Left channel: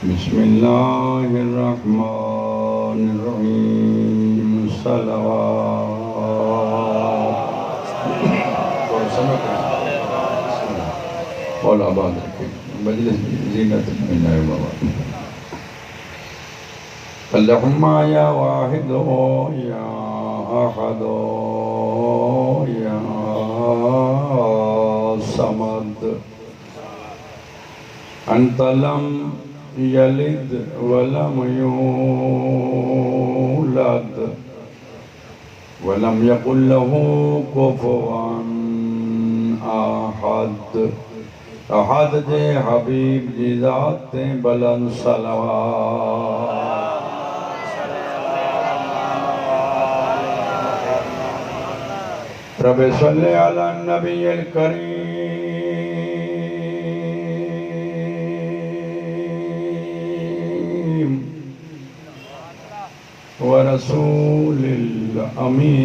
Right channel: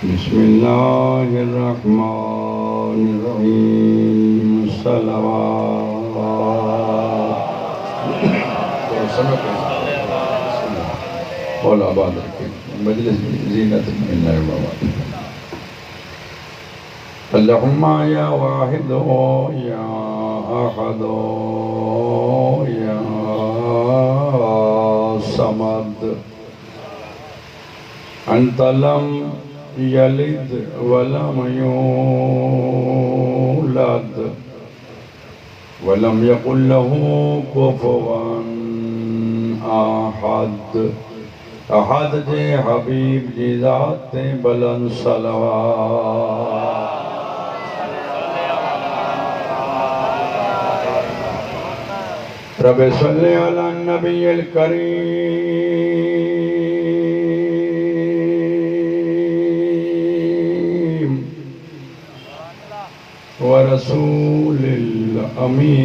बिस्मिल्लाहिर्रहमानिर्रहीम सलावत और आबाद रखे मजलिस जीनत बन जाए बाबा। अल्लाहुम्मा या वाहिद या अहद या समद अंत लम यलिद वलम यूलद वलम यकुल लहू कुफुवन अहद। अहद जे हबीब जी ज़ात बुलंद सलवात। रब सल्लि अला नबील करीम व रसूलिल अमीन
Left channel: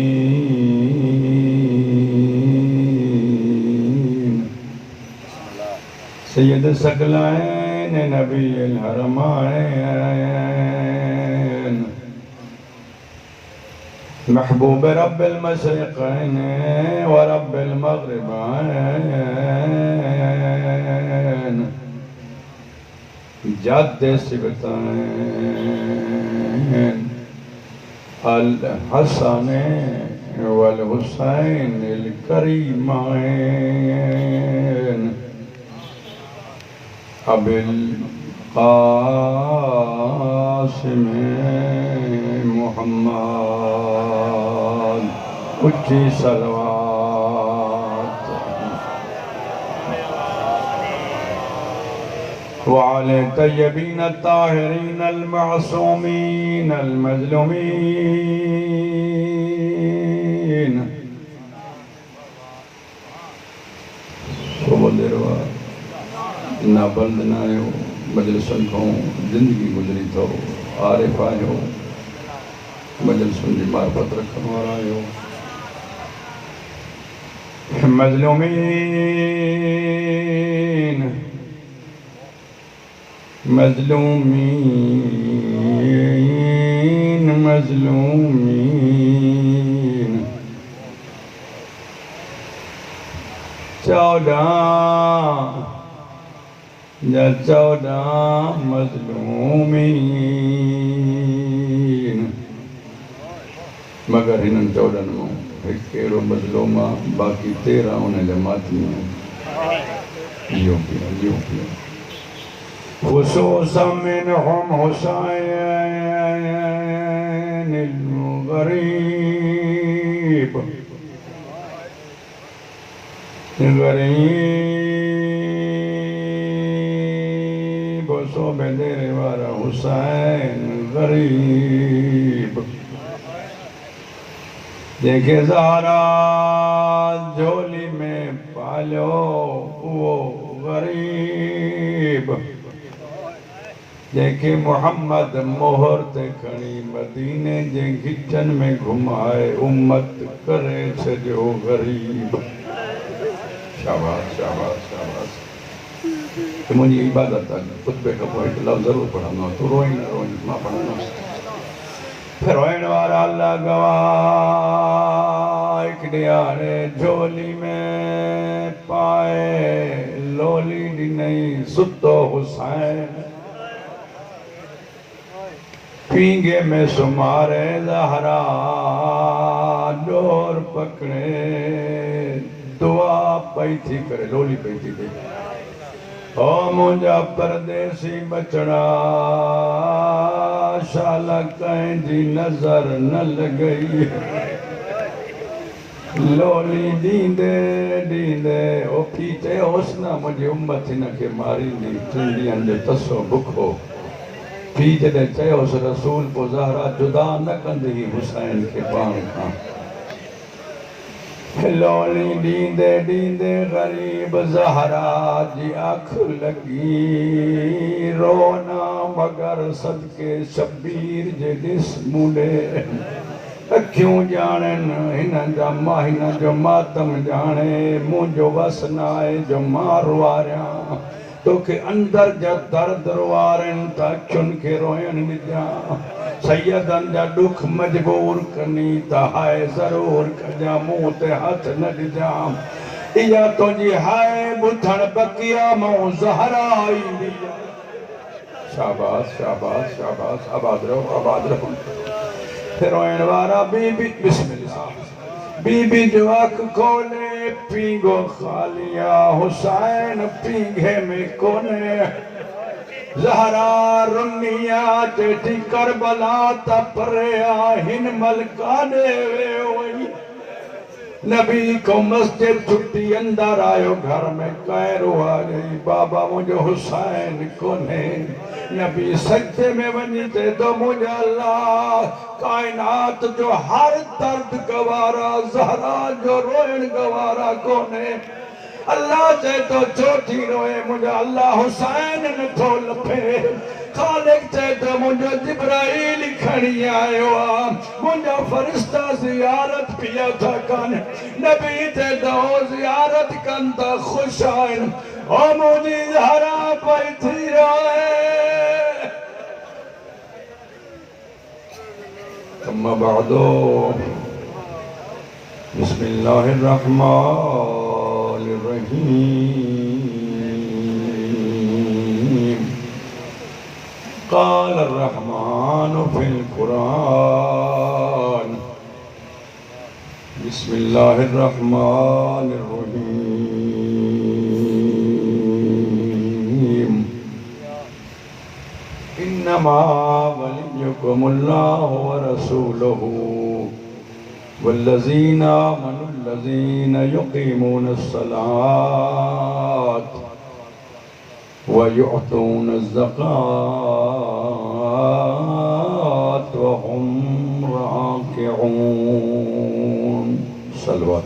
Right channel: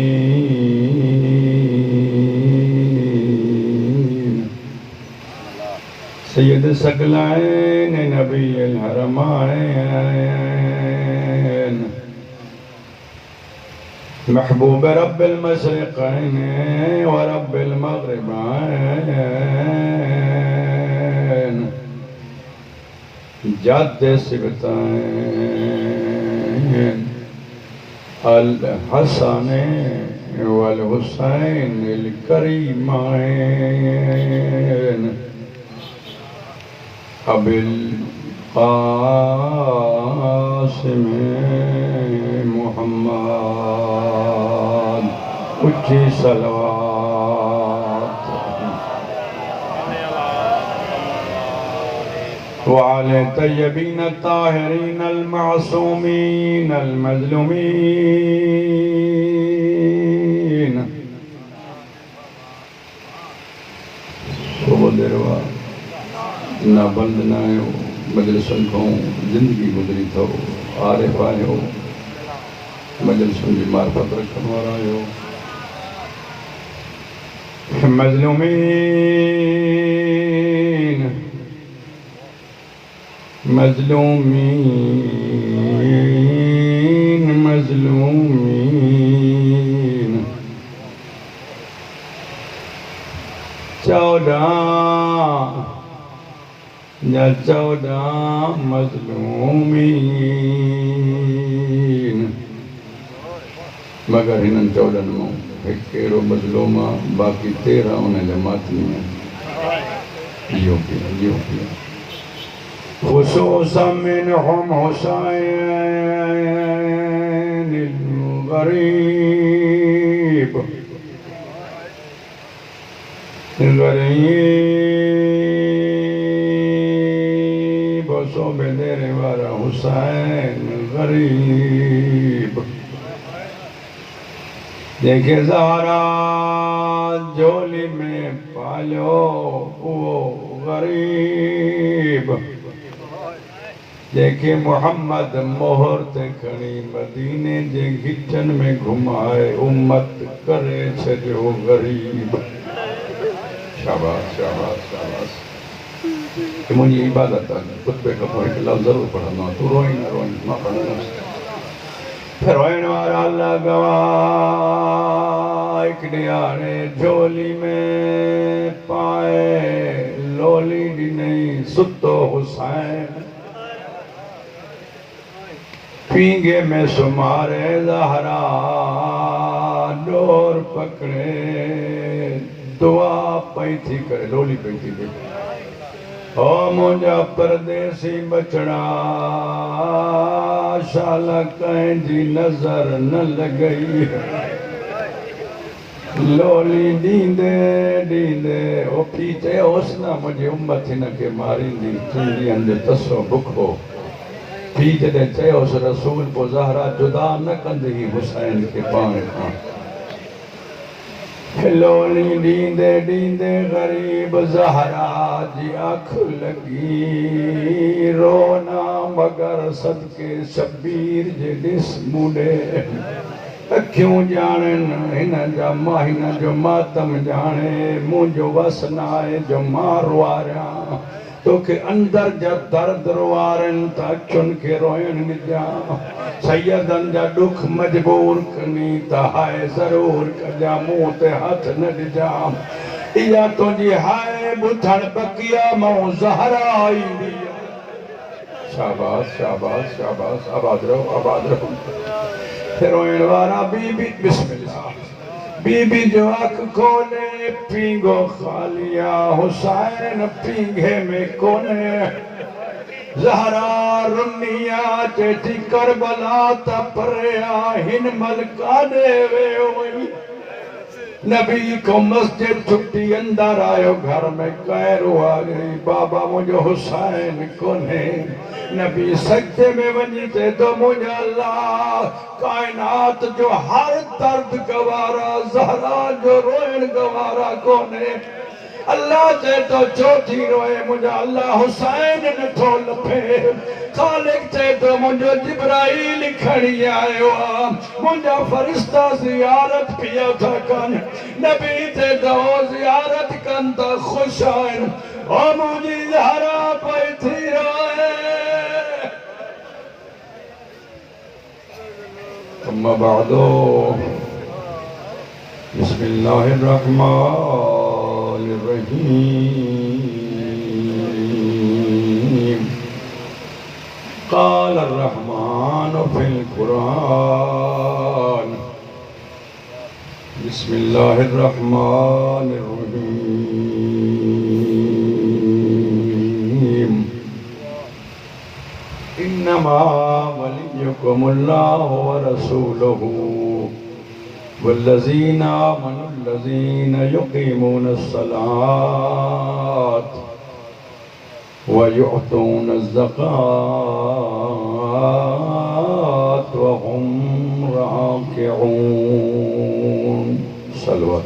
सैयद सकलैन नबील हरमैन महबूब रब्बिल मशरिक़ैन व रब्बिल मग़रिबैन जद्द सिबतैन अल हसन वल हुसैन अल करीमैन अबिल क़ासिम मुहम्मद उच्ची सलवात। वअले तय्यबीन ताहिरीन अल मासूमीन अल मज़लूमीन। ना बंद ना आयो मजलिसन खां ज़िंदगी गुज़री थो आरिफ़ आयो मजलिसन जी मार्फत रखण वारा आयो मज़लूमीन मज़लूमीन मज़लूमीन। 14 मज़लूमीन मगर हिननि 14 मां हिकु अहिड़ो मज़लूम आहे बाक़ी 13 उन जा मातमी आहिनि। इहो पिया ख़ुसूसन मिनहुम हुसैन गरीब बेदेरे वारा हुसैन गरीब देखे ज़हरा झोली में पालियो वो गरीब देखे मोहम्मद मोहर ते खणी मदीने जे गिचन में घुमाए उम्मत करे छो गरीब। शाबाश शाबाश शाबाश। मुझी इबादत खुतबे खां पोइ हिकु लफ़्ज़ ज़रूरु पढ़ंदो तूं रोई न रोई मां पढ़ंदुसि। रोइण वारा अल्लाह गवाह हिकु ॾियारे झोली में पाए लोली ॾिनई सुतो हुसैन पींगे में सुमारे ज़हरा डोर पकड़े दुआ पई थी करे लोली पई थी करे ओ मुंहिंजा परदेसी बचड़ा शाला कंहिंजी नज़र न लॻई लोली ॾींदे ॾींदे ओ पी चयोसि न मुंहिंजी उम्मत हिनखे मारींदी चुंडी अंदरि तसो बुखो पी जॾहिं चयोसि रसूल पोइ ज़हरा जुदा न कंदी हुसैन खे पाण खां लोली ॾींदे ॾींदे ग़रीब ज़हरा जी अख लॻी रोना मगर सदके शबीर जे ॾिस मूंॾे अखियूं ॼाणनि हिन जा मां हिन जो मातम ॼाणे मुंहिंजो वस न आहे जो मां रुआरियां तो के अंदर जा दर्द रोआरन ता चुन के रोयन मिजा सैयदन जा दुख मजबूर कनी ता हाय जरूर कजा मुंह ते हाथ न डिजा इया तो जी हाय बुथण बकिया मो ज़हरा ईंदी शाबाश शाबाश शाबाश आबाद रहो फिर रोयण वारा बीबी बिस्मिल्लाह बीबी जो आँख खोले पीगो खालिया हुसैन पीघे में कोने ज़हरा रुनिया चेटी करबला तपरिया हिन मलका देवे वही नबी को मस्जिद छुट्टी अंदर आयो घर में कैरो आ गई बाबा मुझे हुसैन कोने नबी सजदे में वनी ते तो मुझे अल्लाह कायनात जो हर दर्द गवारा ज़हरा जो रोयन गवारा कोने अल्लाह ते तो चौथी रोए मुझे अल्लाह हुसैन न थो लफे खालिक ते तो मुझे जिब्राइल खणी आयो मुझे फरिश्ता ज़ियारत पिया था कन नबी ते तो ज़ियारत कन ता खुश आइन ओ मुझे ज़हरा पे थी रोए अम्मा बादो बिस्मिल्लाहिर्रहमानिर्रहीम क़ाल अर्रहमान फ़िल क़ुरान बिस्मिल्लाहिर्रहमानिर्रहीम इन्नमा वलियुकुमुल्लाहु व रसूलुहु वल्लज़ीना आमनुल्लज़ीना युक़ीमूनस्सलात व युअतूनज़्ज़कात व हुम राकिऊन सल्लल्लाहु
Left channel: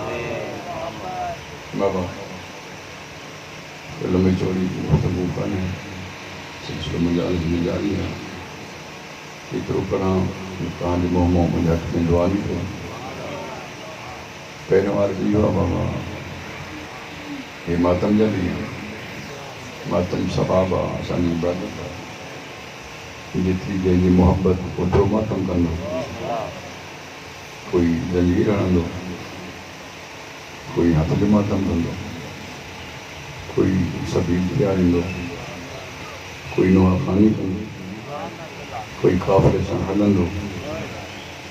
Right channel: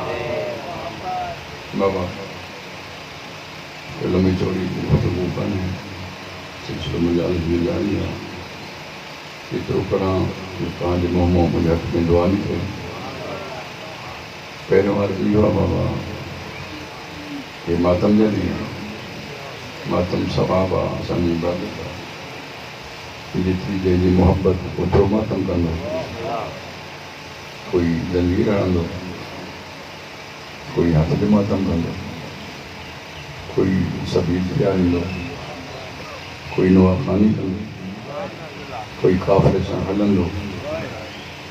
अलैहि बाबा लम्बी चौड़ी गुफ्तगू कनि सिलसिलो मजालिस में जारी है एतिरो करा तव्हांजे मुंहुं मुंहिंजे हक़ में दुआ बि कयो पहिरियों अर्ज़ु इहो आहे बाबा हे मातम जा ॾींहं मातम सवाब आहे असांजी इबादत आहे जेतिरी जंहिंजी मुहबत ओतिरो मातम कंदो कोई जंजीर हणंदो कोई हथ जो मातम कंदो कोई सब्जी ॾियारींदो कोई नवा पानी कंदो कोई काफ़िले सां हलंदो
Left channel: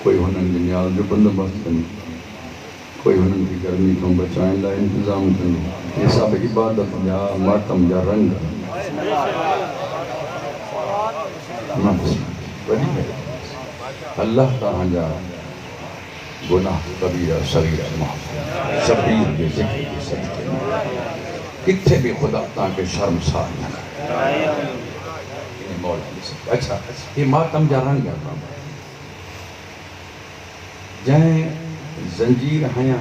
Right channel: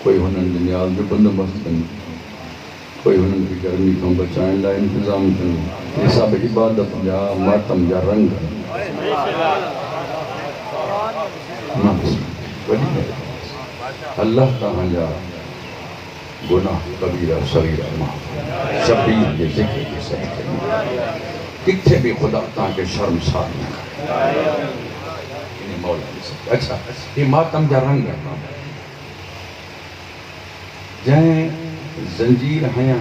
कोई हुननि जे न्याल जो बंदोबस्तु कंदो कोई हुननि खे गर्मी खां बचाइण लाइ इंतज़ाम कंदो इहे सभु इबादत जा मातम जा रंग अल्लाह तव्हांजा गुनाह कबीरा सगीरा माफ़ शबीर जे ज़िक्र जे सदक़े किथे भी खुदा तव्हांखे शर्मसार न करे अच्छा ये मातम जा रंग जंहिं जंजीर हया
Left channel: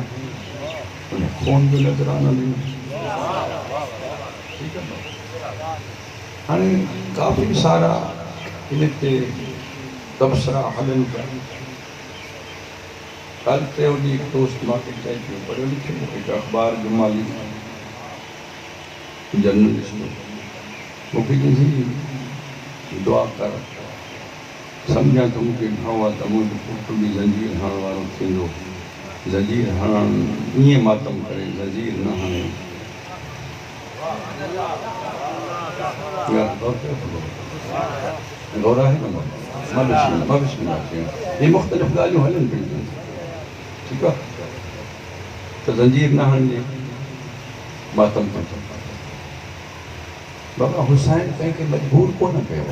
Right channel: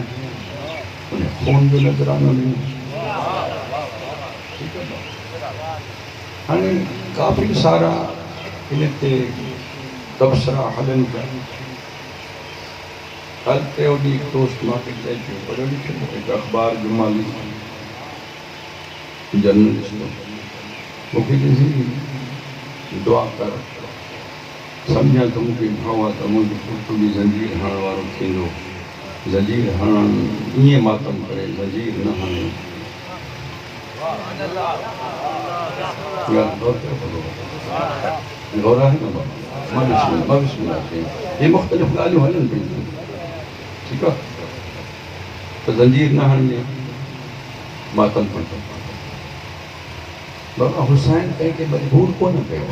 उन्हें खून जो नज़रानो ॾिनो हाणे काफ़ी सारा इन ते तबसरा हलन पिया कल ते ॾींहुं हिकु दोस्त मूंखे चई पियो पढ़ियो लिखियो हिकु अख़बार जुमाली जर्नलिस्ट मूंखे चई दुआ कर सम्झा त मूंखे भाव आहे त मुंहिंजो पुटु बि ज़ंजीर हणण वारो थींदो ज़ंजीर हणण ईअं मातम करे ज़ंजीर न हणे गौर आहे न ये मुख़्तलिफ़ ॻाल्हियूं हलनि पियूं ठीकु आहे त ज़ंजीर न हणिजे मातम कंदो बाबा हुसैन कंहिंखे मजबूर कोन कयो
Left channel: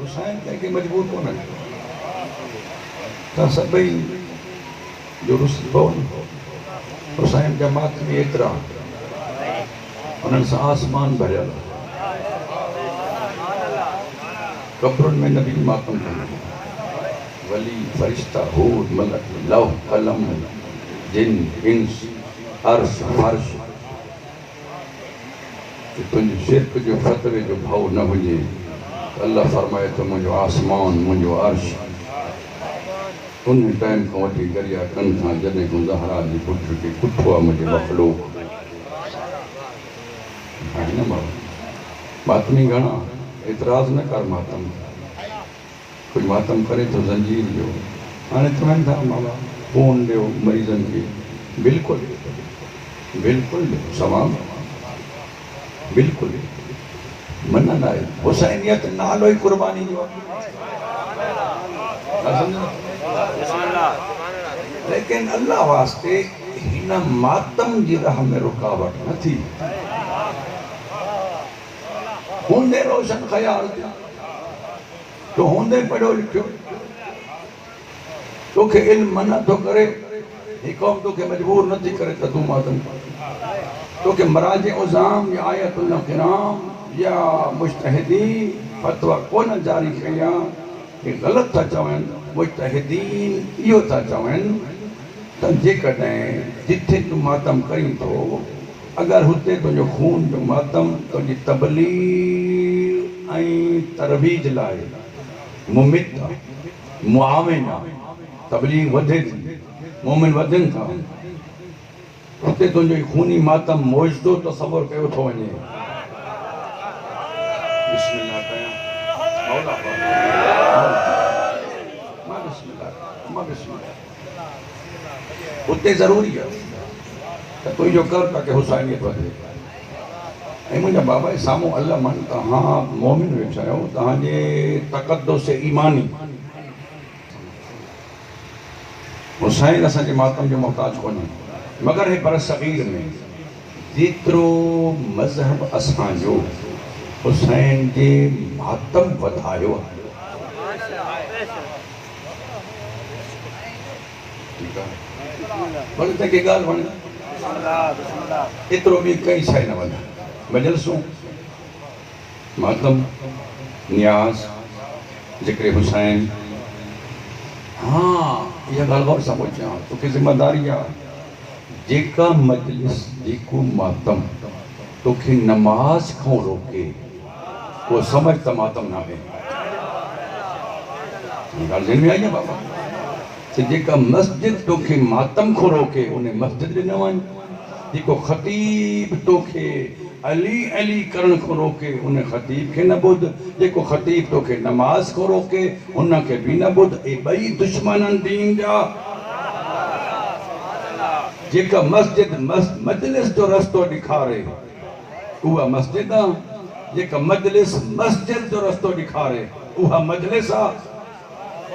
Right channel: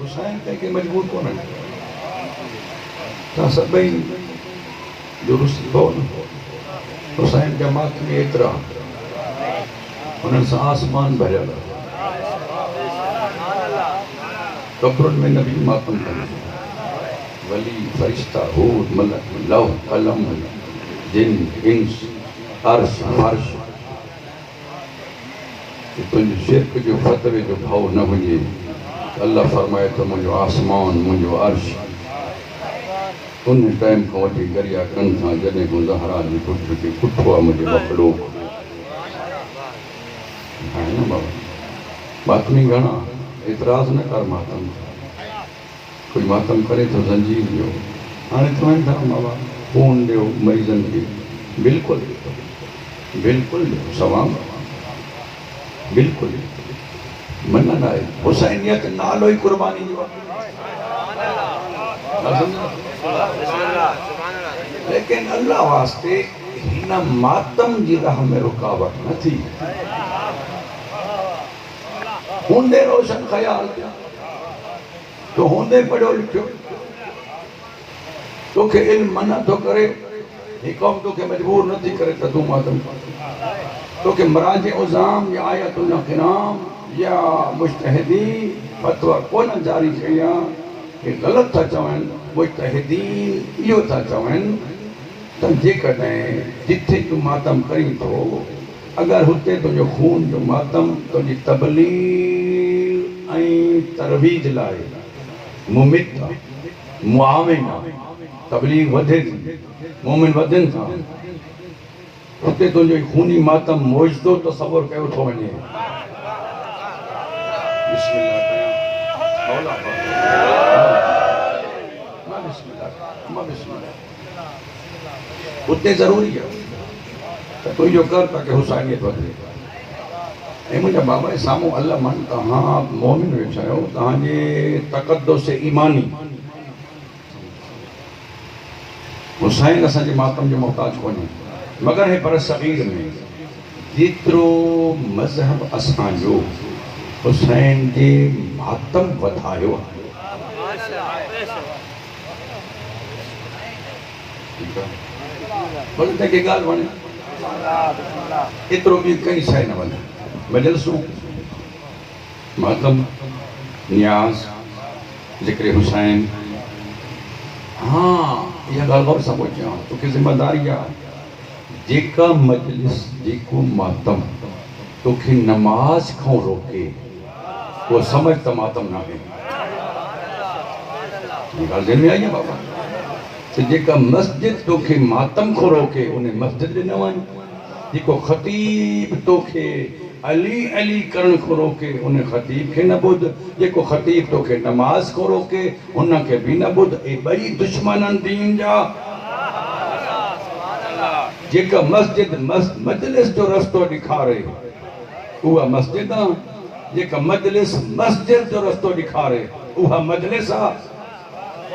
हुसैन कंहिंखे मजबूर कोन कयो तव्हां सभई दुरुस्त हुसैन जा मात में एतिरा उन्हनि सां आसमान भरियल कब्रुनि में नबी मातम कंदो वली फरिश्ता हूर मलक लौह कलम जिन इंस अर्श फर्श कि तुझे शिरक जो फतवे जो भाव न हुजे। अल्लाह फरमाए तो मुझो आसमान मुझो अर्श उन टाइम को वठी गरिया कन था जॾहिं को ज़हरा जी पुट के पुठो आहे मुझे मखलूक है ना बाबा मातमी घणा एतराज़ न कर मातम कोई मातम करे तो जंजीर जो हाणे चवनि था बाबा फोन ॾियो मरीज़नि खे बिल्कुलु बिल्कुलु सवाब बिल्कुलु मना ना आहे हुसैनियत नालो ही कुर्बानी जो लेकिन अल्लाह वास्ते हिन मातम जी राह में रुकावट न थी होंदे रोशन ख्याल तो होंदे पढ़ियो लिखियो तोखे इल्म मना तो करे ये कौम तोखे मजबूर न थी करे त तू मातम तोखे मराज उज़ाम या आयतुल्लाह किराम या मुज्तहिदीन फतवा कोन जारी कया ये गलत था चवन मुज्तहिदीन इहो था चवन त जेकॾहिं जिथे तू मातम करी तो अगर हुते तुझो खून जो मातम तुझी तबलीग ऐं तरवीज लाइ मुमित मुआविन तबलीग वधे थी मोमिन वधनि था हुते तुझो खूनी मातम मौजदो तसव्वुर कयो थो वञे उते ज़रूरी है तो तू जो कर ताकि हुसैनियत वधे ऐं मुंहिंजा बाबा साम्हूं अल्लाह मान तव्हां मोमिन वेठा आहियो तव्हांजे तक़द्दुस ईमानी हुसैन असांजे मातम जो मोहताज कोन्हे मगर हे पर सग़ीर में जेतिरो मज़हब असांजो हुसैन जे मातम वधायो बोले तंहिंखे ॻाल्हि वणे एतिरो बि कई शइ न वधाए मजलिसूं मातम न्याज़ ज़िक्र हुसैन हाँ इहा ॻाल्हि गौर सां पुछां तोखे ज़िम्मेदारी आहे जेका मजलिस जेको मातम तोखे नमाज खां रोके वो समझ त मातम न आहे ॻाल्हि ज़हन में आई आहे बाबा जेका मस्जिद तोखे मातम खो रोके उन मस्जिद में न वञ जेको ख़तीब तोखे अली अली करण खो रोके उन ख़तीब खे न ॿुध जेको ख़तीब तोखे नमाज खो रोके उनखे बि न ॿुध ए ॿई दुश्मननि दीन जा जेका मस्जिद मजलिस जो रस्तो ॾेखारे उहा मस्जिद आहे जेका मजलिस मस्जिद जो रस्तो ॾेखारे उहा मजलिस आहे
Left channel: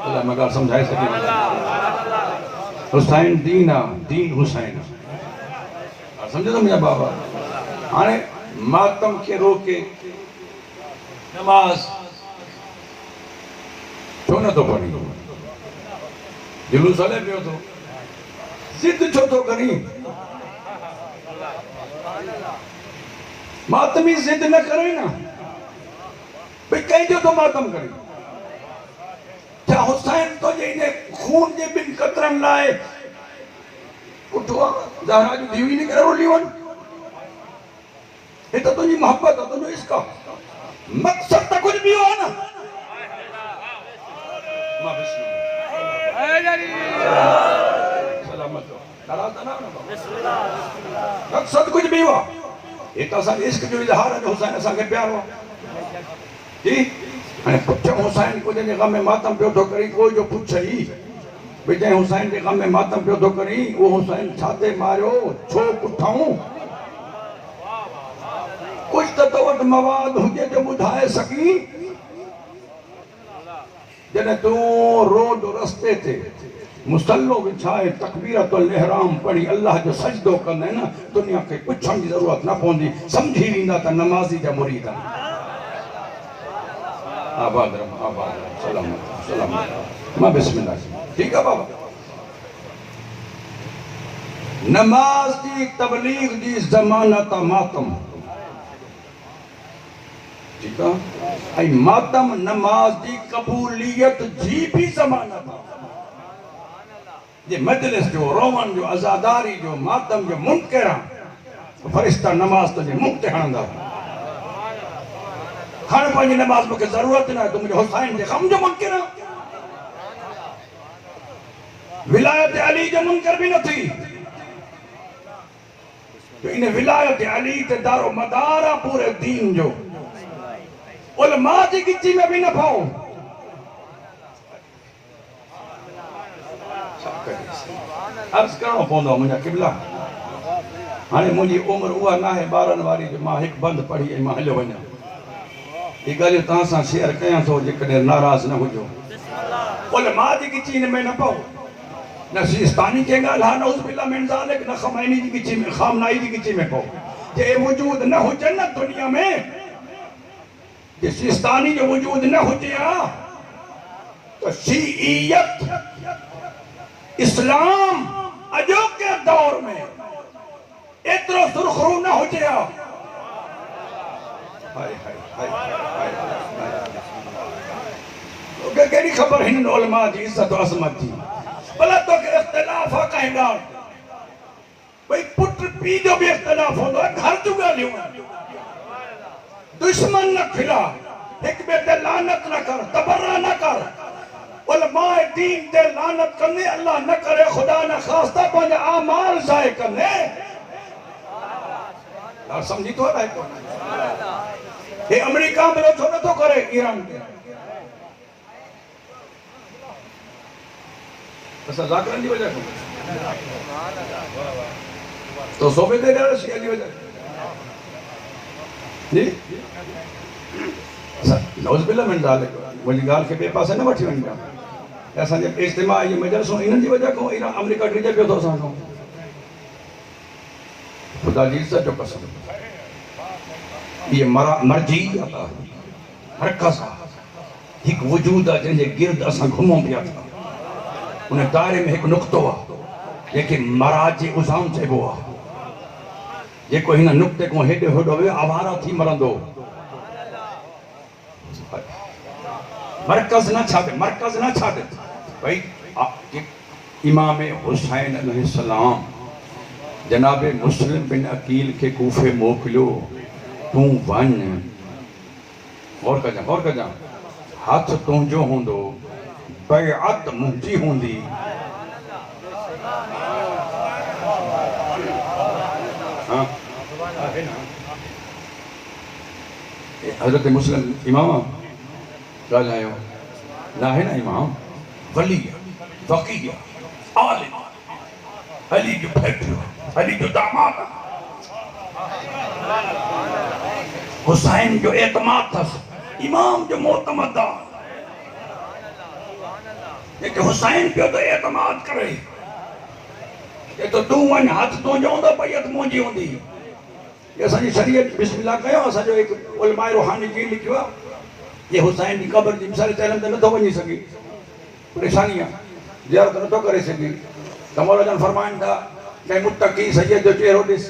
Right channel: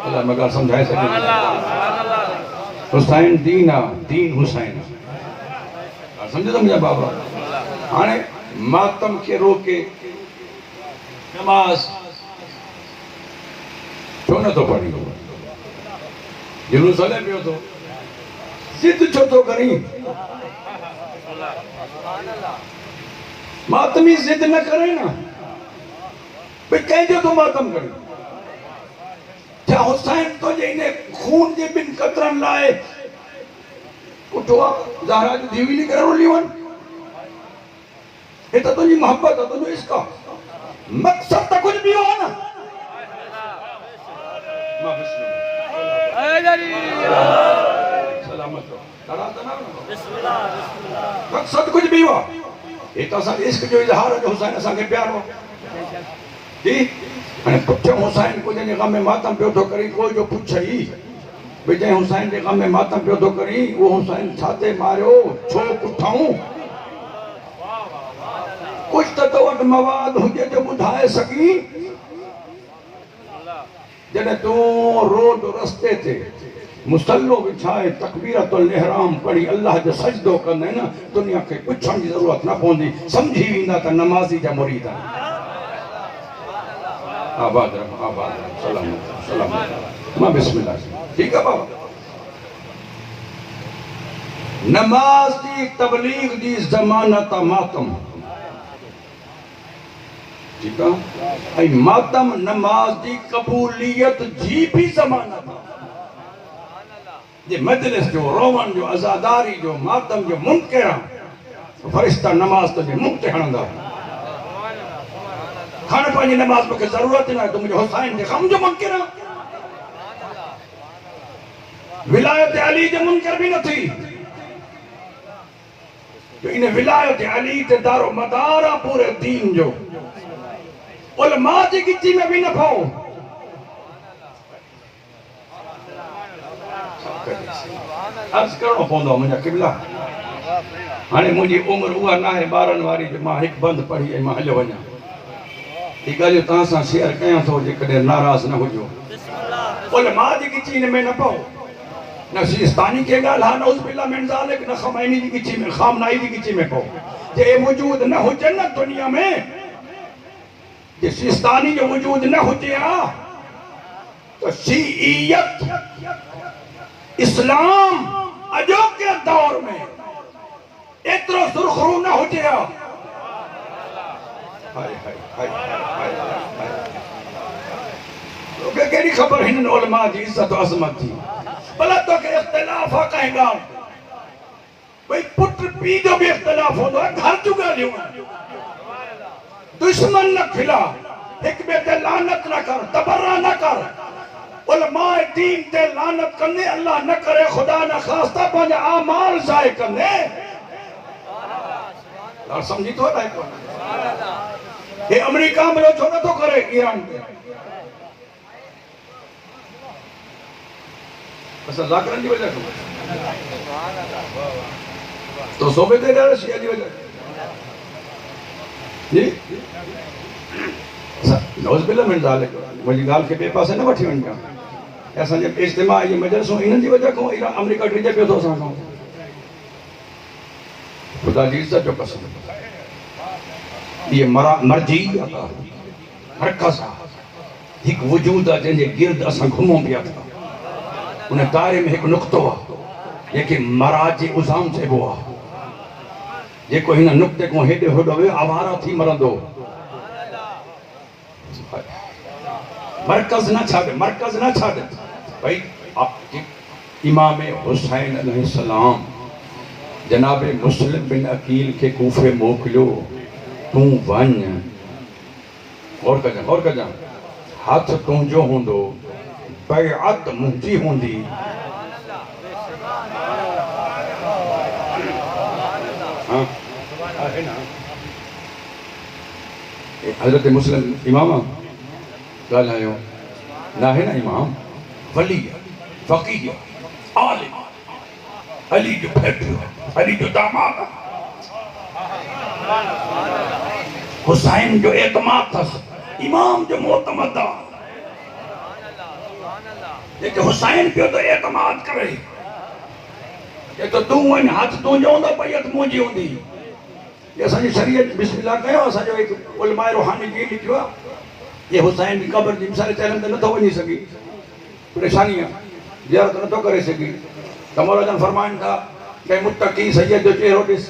अल्लाह मगर समझाए सके हुसैन दीन आहे दीन हुसैन समझो मुंहिंजा बाबा हाणे मातम खे रोके नमाज छो नथो पढ़ी जुलूस हले पियो थो जिद छो थो करी मातमी जिद न करे न भई कंहिंजो तो मातम करे छा हुसैन तो जे इन खून जे बिन कतरनि लाइ उठो ज़हरा जी धीउ निकिरे रोली वञ हे त तुंहिंजी मोहब्बत आहे तुंहिंजो इश्क आहे मक़सद त कुझु ॿियो आहे न मक़सद कुझु ॿियो आहे हे त असां इश्क जो इज़हार आहे हुसैन असांखे प्यारो आहे जी हाणे पुठियों हुसैन को जंहिंजे ग़म में मातम पियो थो करी को जो पुछई भई जंहिं हुसैन जे ग़म में मातम पियो थो करी उहो हुसैन छाते मारियो छो पुठऊं कुछ तो वटि मवाद हुजे जो ॿुधाए सघी जॾहिं तूं रोड रस्ते ते मुसल्लो बिछाए तकबीरतुल इहराम पढ़ी अल्लाह जो सजदो कंदे न दुनिया खे पुछण जी ज़रूरत न पवंदी समझी वेंदा त नमाज़ी जा मुरीद आहिनि आबाद सलामत सलामत मां बिस्मिल्लाह ठीक है बाबा नमाज की तबलीग की ज़मानत मातम ठीक है आई मातम नमाज की कबूलियत जी भी ज़मानत ये मजलिस जो रोवन जो अज़ादारी जो मातम जो मुनकर फरिश्ता नमाज तो मुंह ते हणंदा खाने पानी नमाज में जरूरत ना तो मुझे हुसैन के गम जो मुनकर विलायत अली जो मुनकर भी न थी तो इन्हें विलायत अली ते दारो मदारा पूरे दीन जो उलमा जी गिची में भी न पाओ अर्ज करो पौंदो मुझा किबला हाने मुझी उम्र हुआ ना है 12 वारी जो मां एक बंद पढ़ी है मां हलो वना ये गल ता सा शेयर कया तो जे कदे नाराज न होजो उलमा जी गिची में न पाओ न सिस्तानी के गाल हा नौज बिल्ला मिन जालिक न खमैनी जी गिची में खामनाई जी गिची में पाओ जे वजूद न हो जन्नत दुनिया में जे सिस्तानी जो वजूद न हो जिया तो शिईयत इस्लाम अजोके दौर में इतरो सुरखरू न हो जिया हाय हाय हाय हाय लोगे केड़ी खबर हिन उलमा जी इज्जत और अजमत थी भला तो के इख्तिलाफ हो कहेगा भाई पुत्र पी जो भी इख्तिलाफ हो घर चुका लियो दुश्मन न खिला एक बेटे लानत न कर तबर्रा न कर उलमा दीन ते लानत करने अल्लाह न करे खुदा न खास्ता पांच आमाल जाए करने और समझी तो है कौन ये अमेरिका में लो छोड़ा तो करे ईरान के बस जाकरन की वजह तो सोबे दे रहा शिया की वजह जी नौज बिल्ला मिन जालिक मुझी गाल के बे पासे न वठी वणा ऐसा जब इज्तिमा ये मजलिसों इन जी वजह को ईरान अमेरिका डिजे पे तो सानो खुदा जी इज्जत जो कसम ये मर्जी मरकज एक वजूद है जे गिर्द असा घुमो पिया था उन दायरे में एक नुक्तो आहे जेके मराज उजाम चइबो आहे जेको हिन नुक्ते को हेॾे होॾो वियो आवारा थी मरंदो मरकज न छाड़े भाई इमाम हुसैन अलैहिस्सलाम जनाब मुस्लिम बिन अकील के कूफे मोकिलियो तू वन और कजा हाथ तुंहिंजो हूंदो बैअत मुंहिंजी हूंदी हाँ है ना हजरत मुस्लिम इमाम ॻाल्हायो ना है ना इमाम वली फकीह आलिम अली जो फैक्ट्री अली जो दामाद हुसैन जो एतमाद था इमाम जो मोतमद जेके हुसैन पियो तो एतमाद करे ये तो तू वन हाथ तो जो होंदा पैत मुंहिंजी हूंदी ये असांजी शरीयत बिस्मिल्लाह कयो असांजो एक उलमा रूहानी जी लिखियो ये हुसैन की कब्र जी मिसाल चलन त नथो वञी सघी परेशानी आहे ज़ियारत नथो करे सघी तमोरजन फरमाइनि था के मुत्तकी सैयद जो चेहरो ॾिस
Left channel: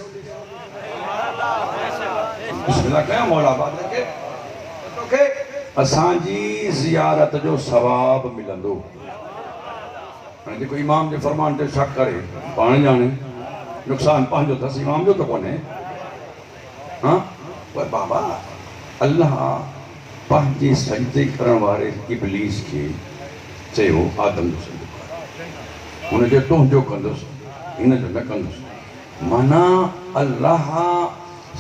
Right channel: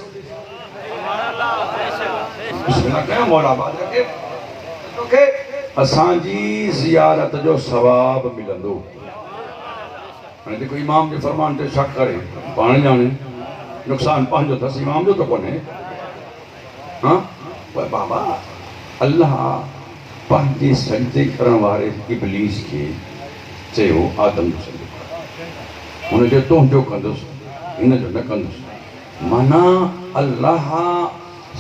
बिस्मिल्लाह कयो मौला बाद के तोखे असांजी ज़ियारत जो सवाब मिलंदो हाणे जेको इमाम जे फरमान ते शक करे पाण ॼाणे नुक़सान पंहिंजो अथसि इमाम जो त कोन्हे हाँ पर बाबा अल्लाह पंहिंजे सजदे करण वारे इब्लीस के चयो आदम जो सजदो कर हुनजो तुंहिंजो कंदुसि हिनजो न कंदुसि माना अल्लाह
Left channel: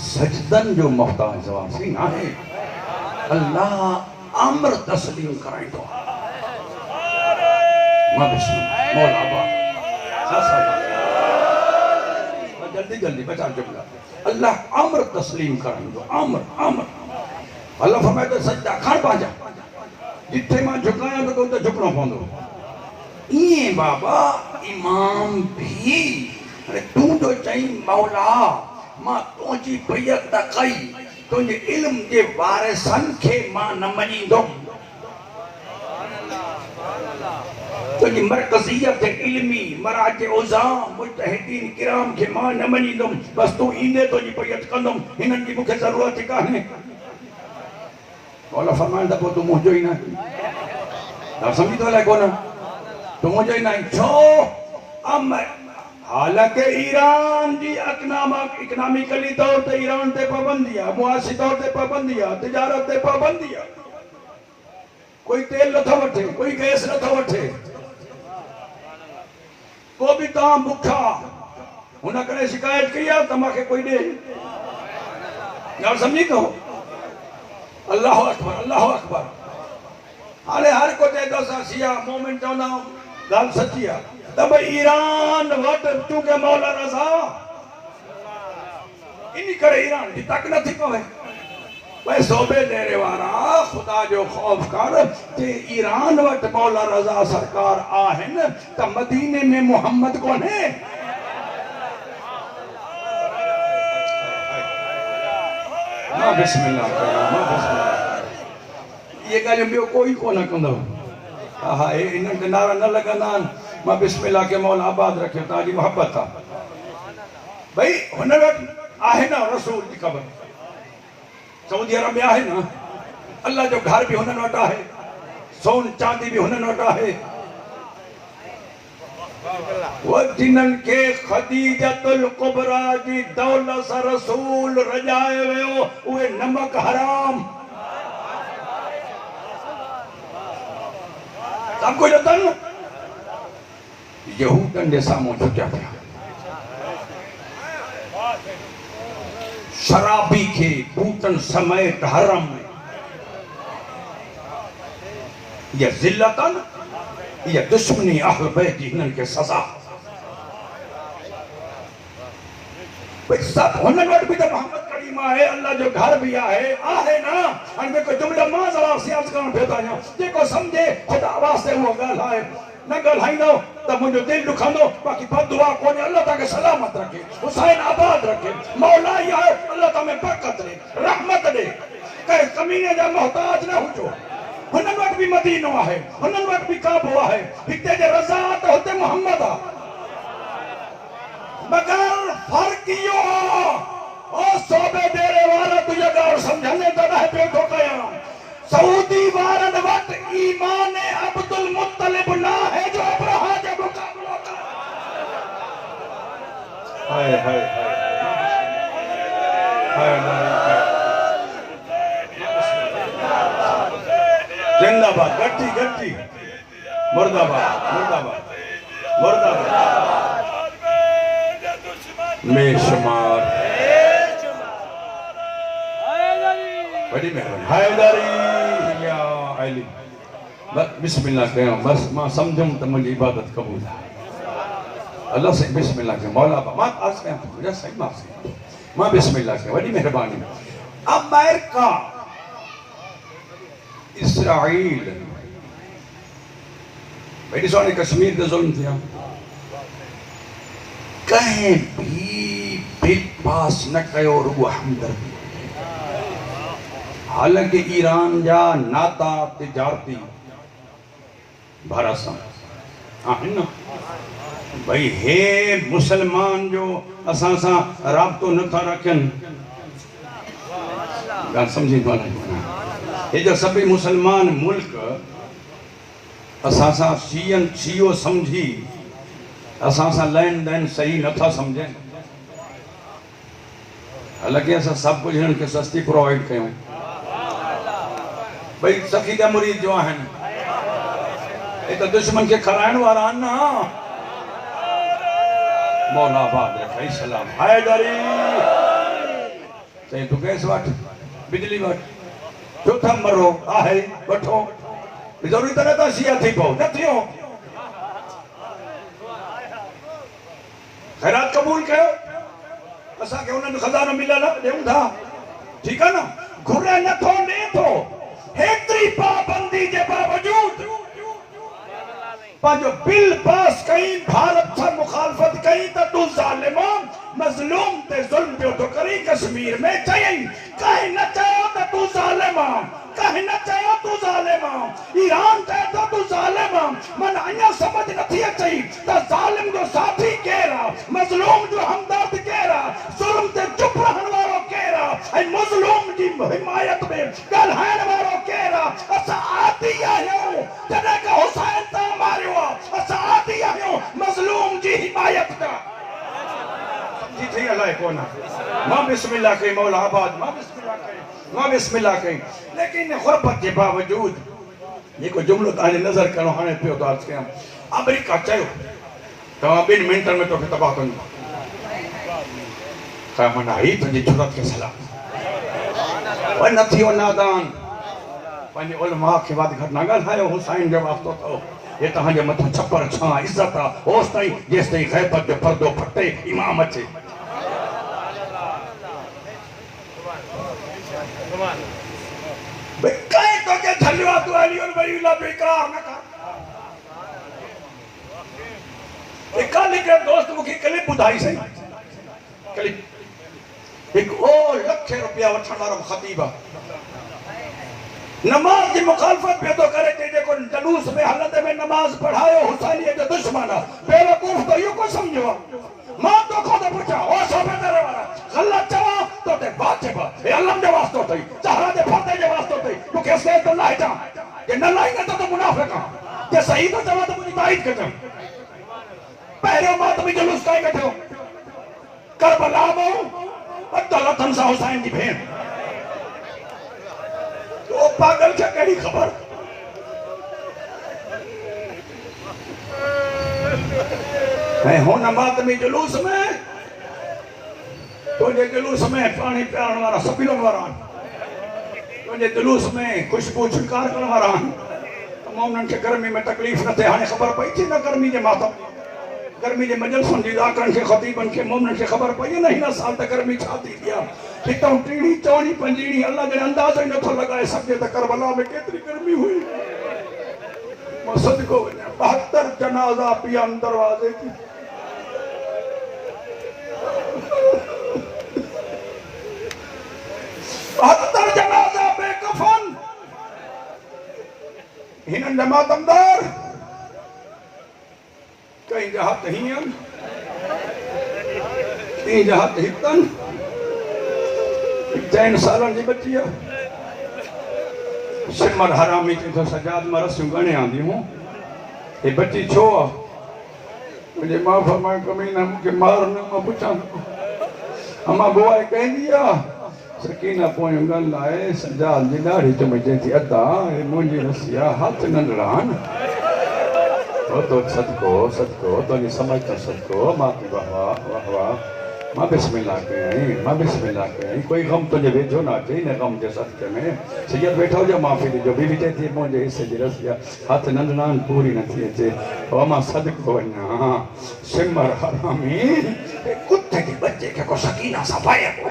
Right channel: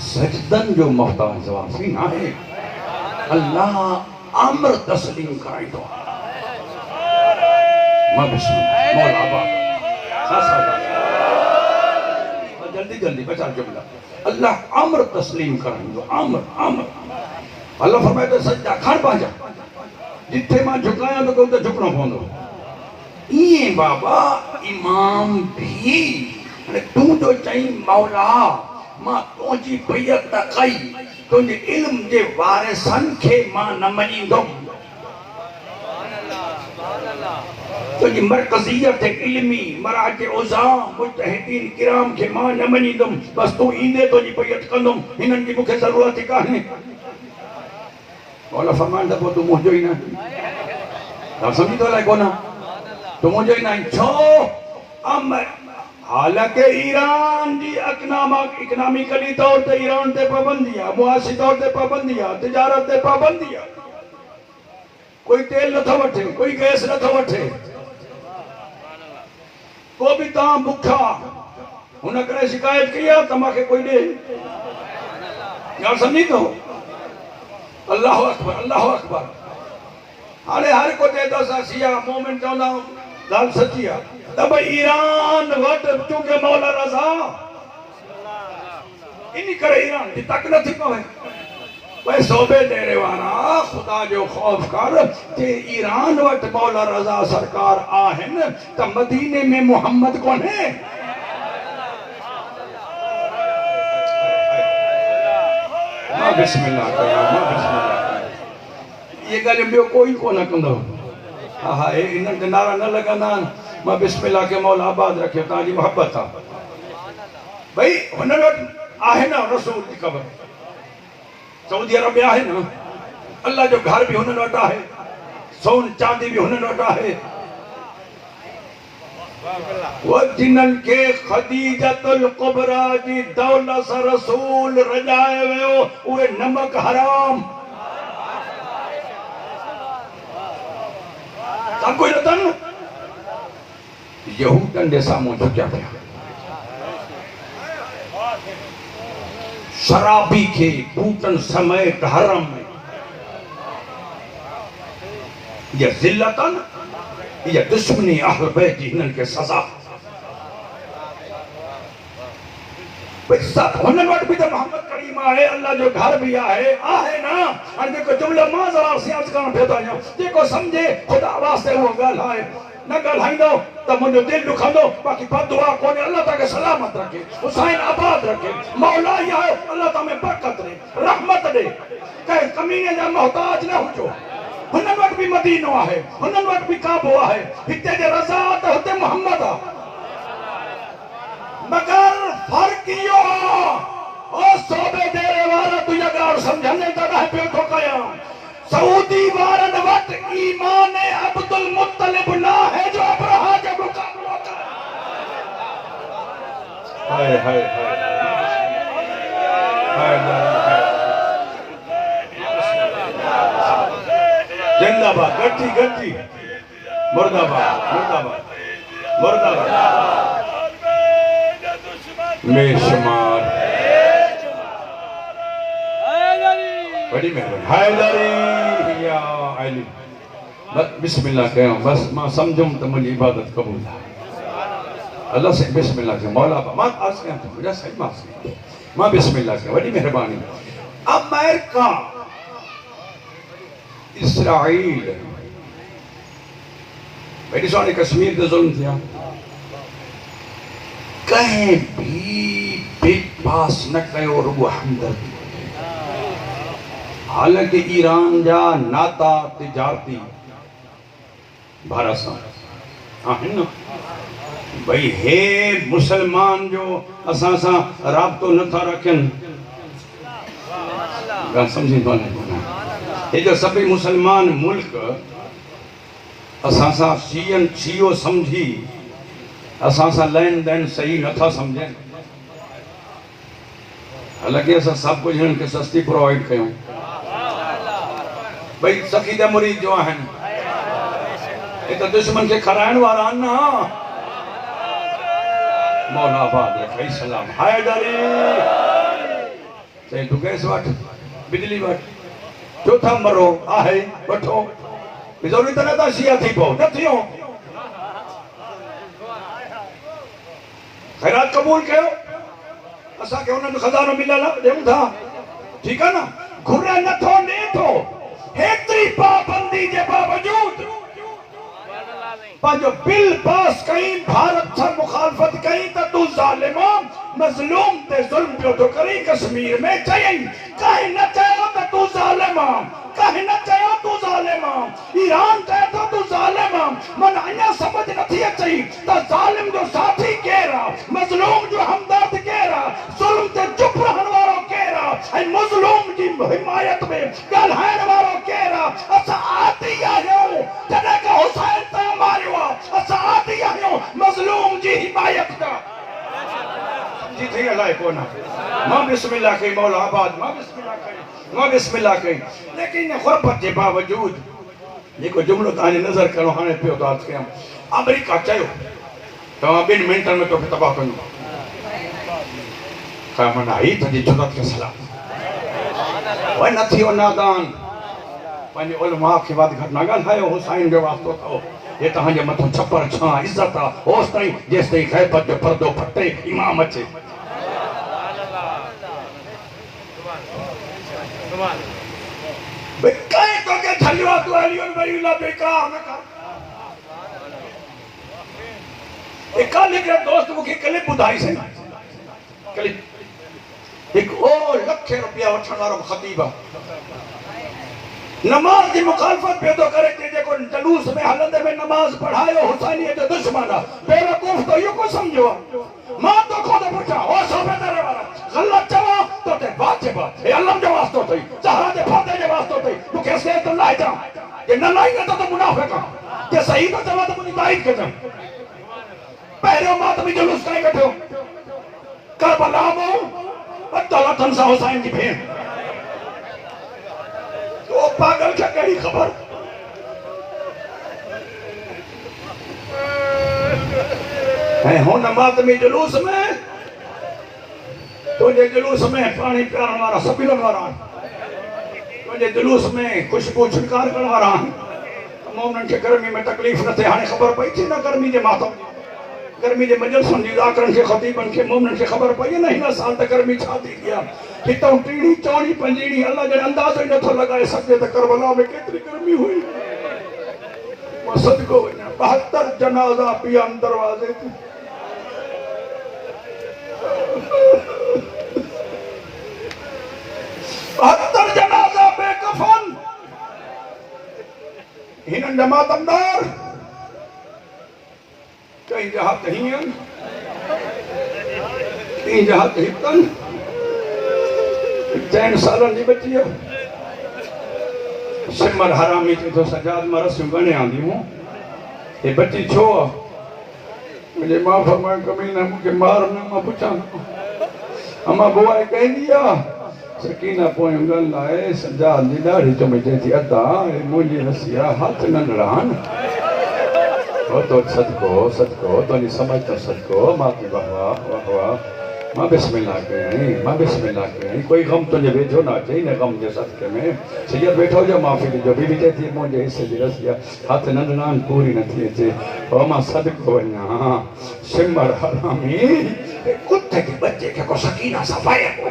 सजदन जो मोहताज वासी नाहे अल्लाह अम्र तस्लीम कराईंदो मां बिस्मिल्लाह मौला बा जल्दी जल्दी बचा जुमला अल्लाह अम्र तस्लीम कराईंदो अम्र अल्लाह फरमाए तो सजदा खड़ पांजा जिथे मां झुकाया तो कोन त झुकणो पवंदो ये बाबा इमाम भी तू जो चई मौला मां तुंहिंजी बैत कई तुंहिंजे इल्म जे वारिसन खे मां न मञींदुमि तुंहिंजी मरकज़ियत इल्मी मराज उज़ा मुजतहिदीन किराम खे मां न मञींदुमि बस तू ईंदे तुंहिंजी बैत कंदुमि हिननि जी मूंखे ज़रूरत ई कान्हे मौला फरमाइनि त पोइ तूं मुंहिंजो ई न सम्झी थो अलाए कोन तूं मुंहिंजो ई न छो हालांकि ईरान जी इकनॉमिकली तौर ते ईरान ते पाबंदी है, मुआशी तौर ते पाबंदी है, तिजारत ते पाबंदी है। कोई तेल नथो वठे, कोई गैस नथो वठे, तो भी तव्हां बुखा हुन करे शिकायत कई आहे त मूंखे कोई ॾे। ॻाल्हि सम्झी थो? अल्लाह अकबर, अल्लाह अकबर। हाणे हर को चए थो असां शिया मोमिन चवंदा आहियूं, ॻाल्हि सची आहे त भई ईरान वटि चूंकि मौला रज़ा, इन करे ईरान जी तक नथी पवे। भाई सोबे डेरे वारा खुदा जो खौफ कर ते ईरान वटि मौला रज़ा सरकार आहिनि त मदीने में मोहम्मद कोन्हे। बिस्मिल्लाह ये ॻाल्हि ॿियो कोई कोन कंदो। हा हा, इन्हनि खे नारा न लॻंदा आहिनि, मां बिस्मिल्लाह के मौला आबाद रखे, तव्हांजी मोहब्बत आहे। भाई हुन वटि आहे न रसूल जी ख़बर, सऊदी अरब में आहे न, अल्लाह जो घर भी हुननि वटि आहे, सोन चांदी भी हुननि वटि आहे। वो जिन्हनि खे खदीजतुल कुबरा जी दौलत सां रसूल रजाए वियो, उहे नमक हराम सब कुछ अथनि। यहूदनि जे साम्हूं झुकिया थिया, शराबी खे बूटन समेत हरम में। ये ज़िल्लतन, ये दुश्मनी अहल बैत जी, हिननि खे सज़ा। भाई सब हुननि वटि बि त मोहम्मद करीम आहे, अल्लाह जो घर भी आहे न। हाणे जेको जुमिला मां ज़रा सियास करण पियो थो वञा, जेको सम्झे ख़ुदा वास्ते उहो ॻाल्हाए, न ॻाल्हाईंदो त मुंहिंजो दिलि दुखंदो। बाक़ी बददुआ कोन्हे, अल्लाह तव्हांखे सलामत रखे, हुसैन आबाद रखे, मौला ई आहे, अल्लाह तव्हां में बरकत ॾे, रहमत ॾे, कंहिं कमीने जा मोहताज न हुजो। हुननि वटि बि मदीनो आहे, हुननि वटि बि काबो आहे, हिते जे रज़ा त हुते मोहम्मद आहे। मगर फर्क इहो आहे, ओ सोबे डेरे वारा तूं इहा ॻाल्हि सम्झंदे तॾहिं पियो थो कयां, सऊदी वारनि वटि ईमान अब्दुल मुत्तलिब न आहे जो अब्रहा जो मुक़ाबिलो करे। हाय हाय जिंदाबाद, गट्टी गट्टी, मुर्दाबाद मुर्दाबाद मुर्दाबाद। बेशुमार बड़ी मेहरबानी हैदरी या अली। बस बिस्मिल्लाह कयो, बस मां समझुम त मुंहिंजी इबादत क़बूल आहे। अल्लाह से बिस्मिल्लाह कयो, मौला मां अर्ज़ कयां थो, मुंहिंजा सही मां बिस्मिल्लाह कयो, वॾी मेहरबानी। अमेरिका, इसराइल, भाई ॾिसो हाणे कश्मीर ते ज़ुल्म थिया, कंहिं भी बेपास न कयो, रुगो हमदर्दी। हालांकि ईरान जा नाता तिजारती भारत सां आहिनि न, भाई हे मुसलमान जो असां सां राब्तो नथा रखनि, ॻाल्हि सम्झी थो न? हे जो सभई मुसलमान मुल्क असां सां शियो सम्झी असां सां लेन देन सही नथा सम्झनि। हालांकि असां सभु कुझु हिननि खे सस्ती प्रोवाइड कयूं, भाई सखी त मुरीद जो आहिनि, हे त दुश्मन खे खाराइण वारा आहिनि न। मौला आबाद रखे, सलाम हैदरी। चई तूं गैस वठ, बिजली वठ, चौथा मरो आहे वठो, ज़रूरी त न था शिया थी पओ, न थियो। खैरात कबूल कयो, असांखे हुननि खज़ानो मिलियल ॾियूं था, ठीकु आहे न। घुरे नथो ॾे थो, हेतिरी पाबंदी जे बावजूद पंहिंजो बिल पास कई, भारत सां मुखालफ़त कई त तूं ज़ालिम मज़लूम ते ज़ुल्म पियो थो करी। कश्मीर में चयई, कंहिं न चयो त तूं ज़ालिम, कंहिं न चयो तूं ज़ालिम। ईरान चए थो तूं ज़ालिम, मन अञा समझ नथी अचई त ज़ालिम जो साथी केरु आहे, मज़लूम जो हमदर्द केरु आहे, ज़ुल्म ते चुप रहण वारो केरु आहे, ऐं मज़लूम जी हिमायत में ॻाल्हाइण वारो केरु आहे। असां आदी आहियूं, जॾहिं का हुसैन तां मारियो आहे, असां आदी आहियूं मज़लूम जी हिमायत जा। को ना मां बिस्मिल्लाह कई मौला आबाद मां बिस्मिल्लाह कई लेकिन ग़ुरबत के बावजूद जेको जुमलो ताने नज़र करो हाने पियो तो आज कया अमेरिका चयो तो 2 मिनटन में तो तबाह कर का मना ही तुझी जुरत के सलाम वन नथियो नादान पानी उलमा के बाद घर ना ॻाल्हायो हुसैन जो वास्तो को ये तहांजे मथो छप्पर छा इज्जत आ होस ताईं जेस ताईं ग़ैबत जो पर्दो फटे इमाम अचे बेकाय तो के झलियो तो अली और वलीला बेकार न कर एकाले के दोस्त मुखे क्लिप बुधाई सही क्लिप एक ओ लख रुपया वठण वारो खतीब नमाज की मुखालफत पे तो करे थे जेको जलूस में हलंदे में नमाज पढ़ायो हुसैनियत जो दुश्मन बेवकूफ तो यो को समझो मां तो खुद पूछा ओ सोबे तेरे वाला गलत चवा तो ते वाजिब ए अल्लाह जो वास्तो थई जहरा जे फाते जे वास्तो थई तू कैसे तो लाई जा ये न लाएगा तो मुनाफिक के सही तो चवा तो मुनी ताईद कर पहले मात में जुलूस काई कठो करबला में अल्लाह तंसा हुसैन की भेण तो पागल क्या कड़ी खबर है हो नमाज में जुलूस में तो जे जुलूस में पानी पियाण वाला सपीलन वाला तो जे जुलूस में खुशबू छिड़कार करण वाला मोमन के गर्मी में तकलीफ न थे हाने खबर पई थी ना गर्मी जे मातम गर्मी जे मजलसुन जी आकरन के खतीबन के मोमन के खबर पई न हिन साल त गर्मी छाती दिया हितों टीड़ी चौड़ी पंजीड़ी अल्लाह जने अंदाज़ो ही नथो लगाए सके त करबला में केतरी गर्मी हुई मसद को 72 जनाजा पिया दरवाजे थी बहत्तर जनाजा बेकफन हिनन जमातमदार कई जहां हियन कई जहां हितन 3 सालन जी बची है सिमर हरामी थी तो सजाद मरसियूं गणे आंदी हूं ये बची छो मुझे मां फरमाए कमीना मुझे मार न मां पुछां अमा बुआ कहंदी आ सकीना पोयूं गल लाए सजाद जी दाढ़ी तो मुझे थी अदा मुंहिंजी रसिया हाथ न लड़ान ओ तो सदको सदको तो नहीं समझ तो सदको मां की वाह वाह मां बिस्मिल्लाह कहीं कोई गम तुझे वेठो ना चाहिए न गम जे सदके में सैयद बैठो जो माफी दी जो बीवी चई थी मुझे हिस्से जी रसिया हाथ नंढनान पूरी न थी अचे तो मां सदको वञा सिमर हरामी कुत्ते के बच्चे के को सकीना सफाया को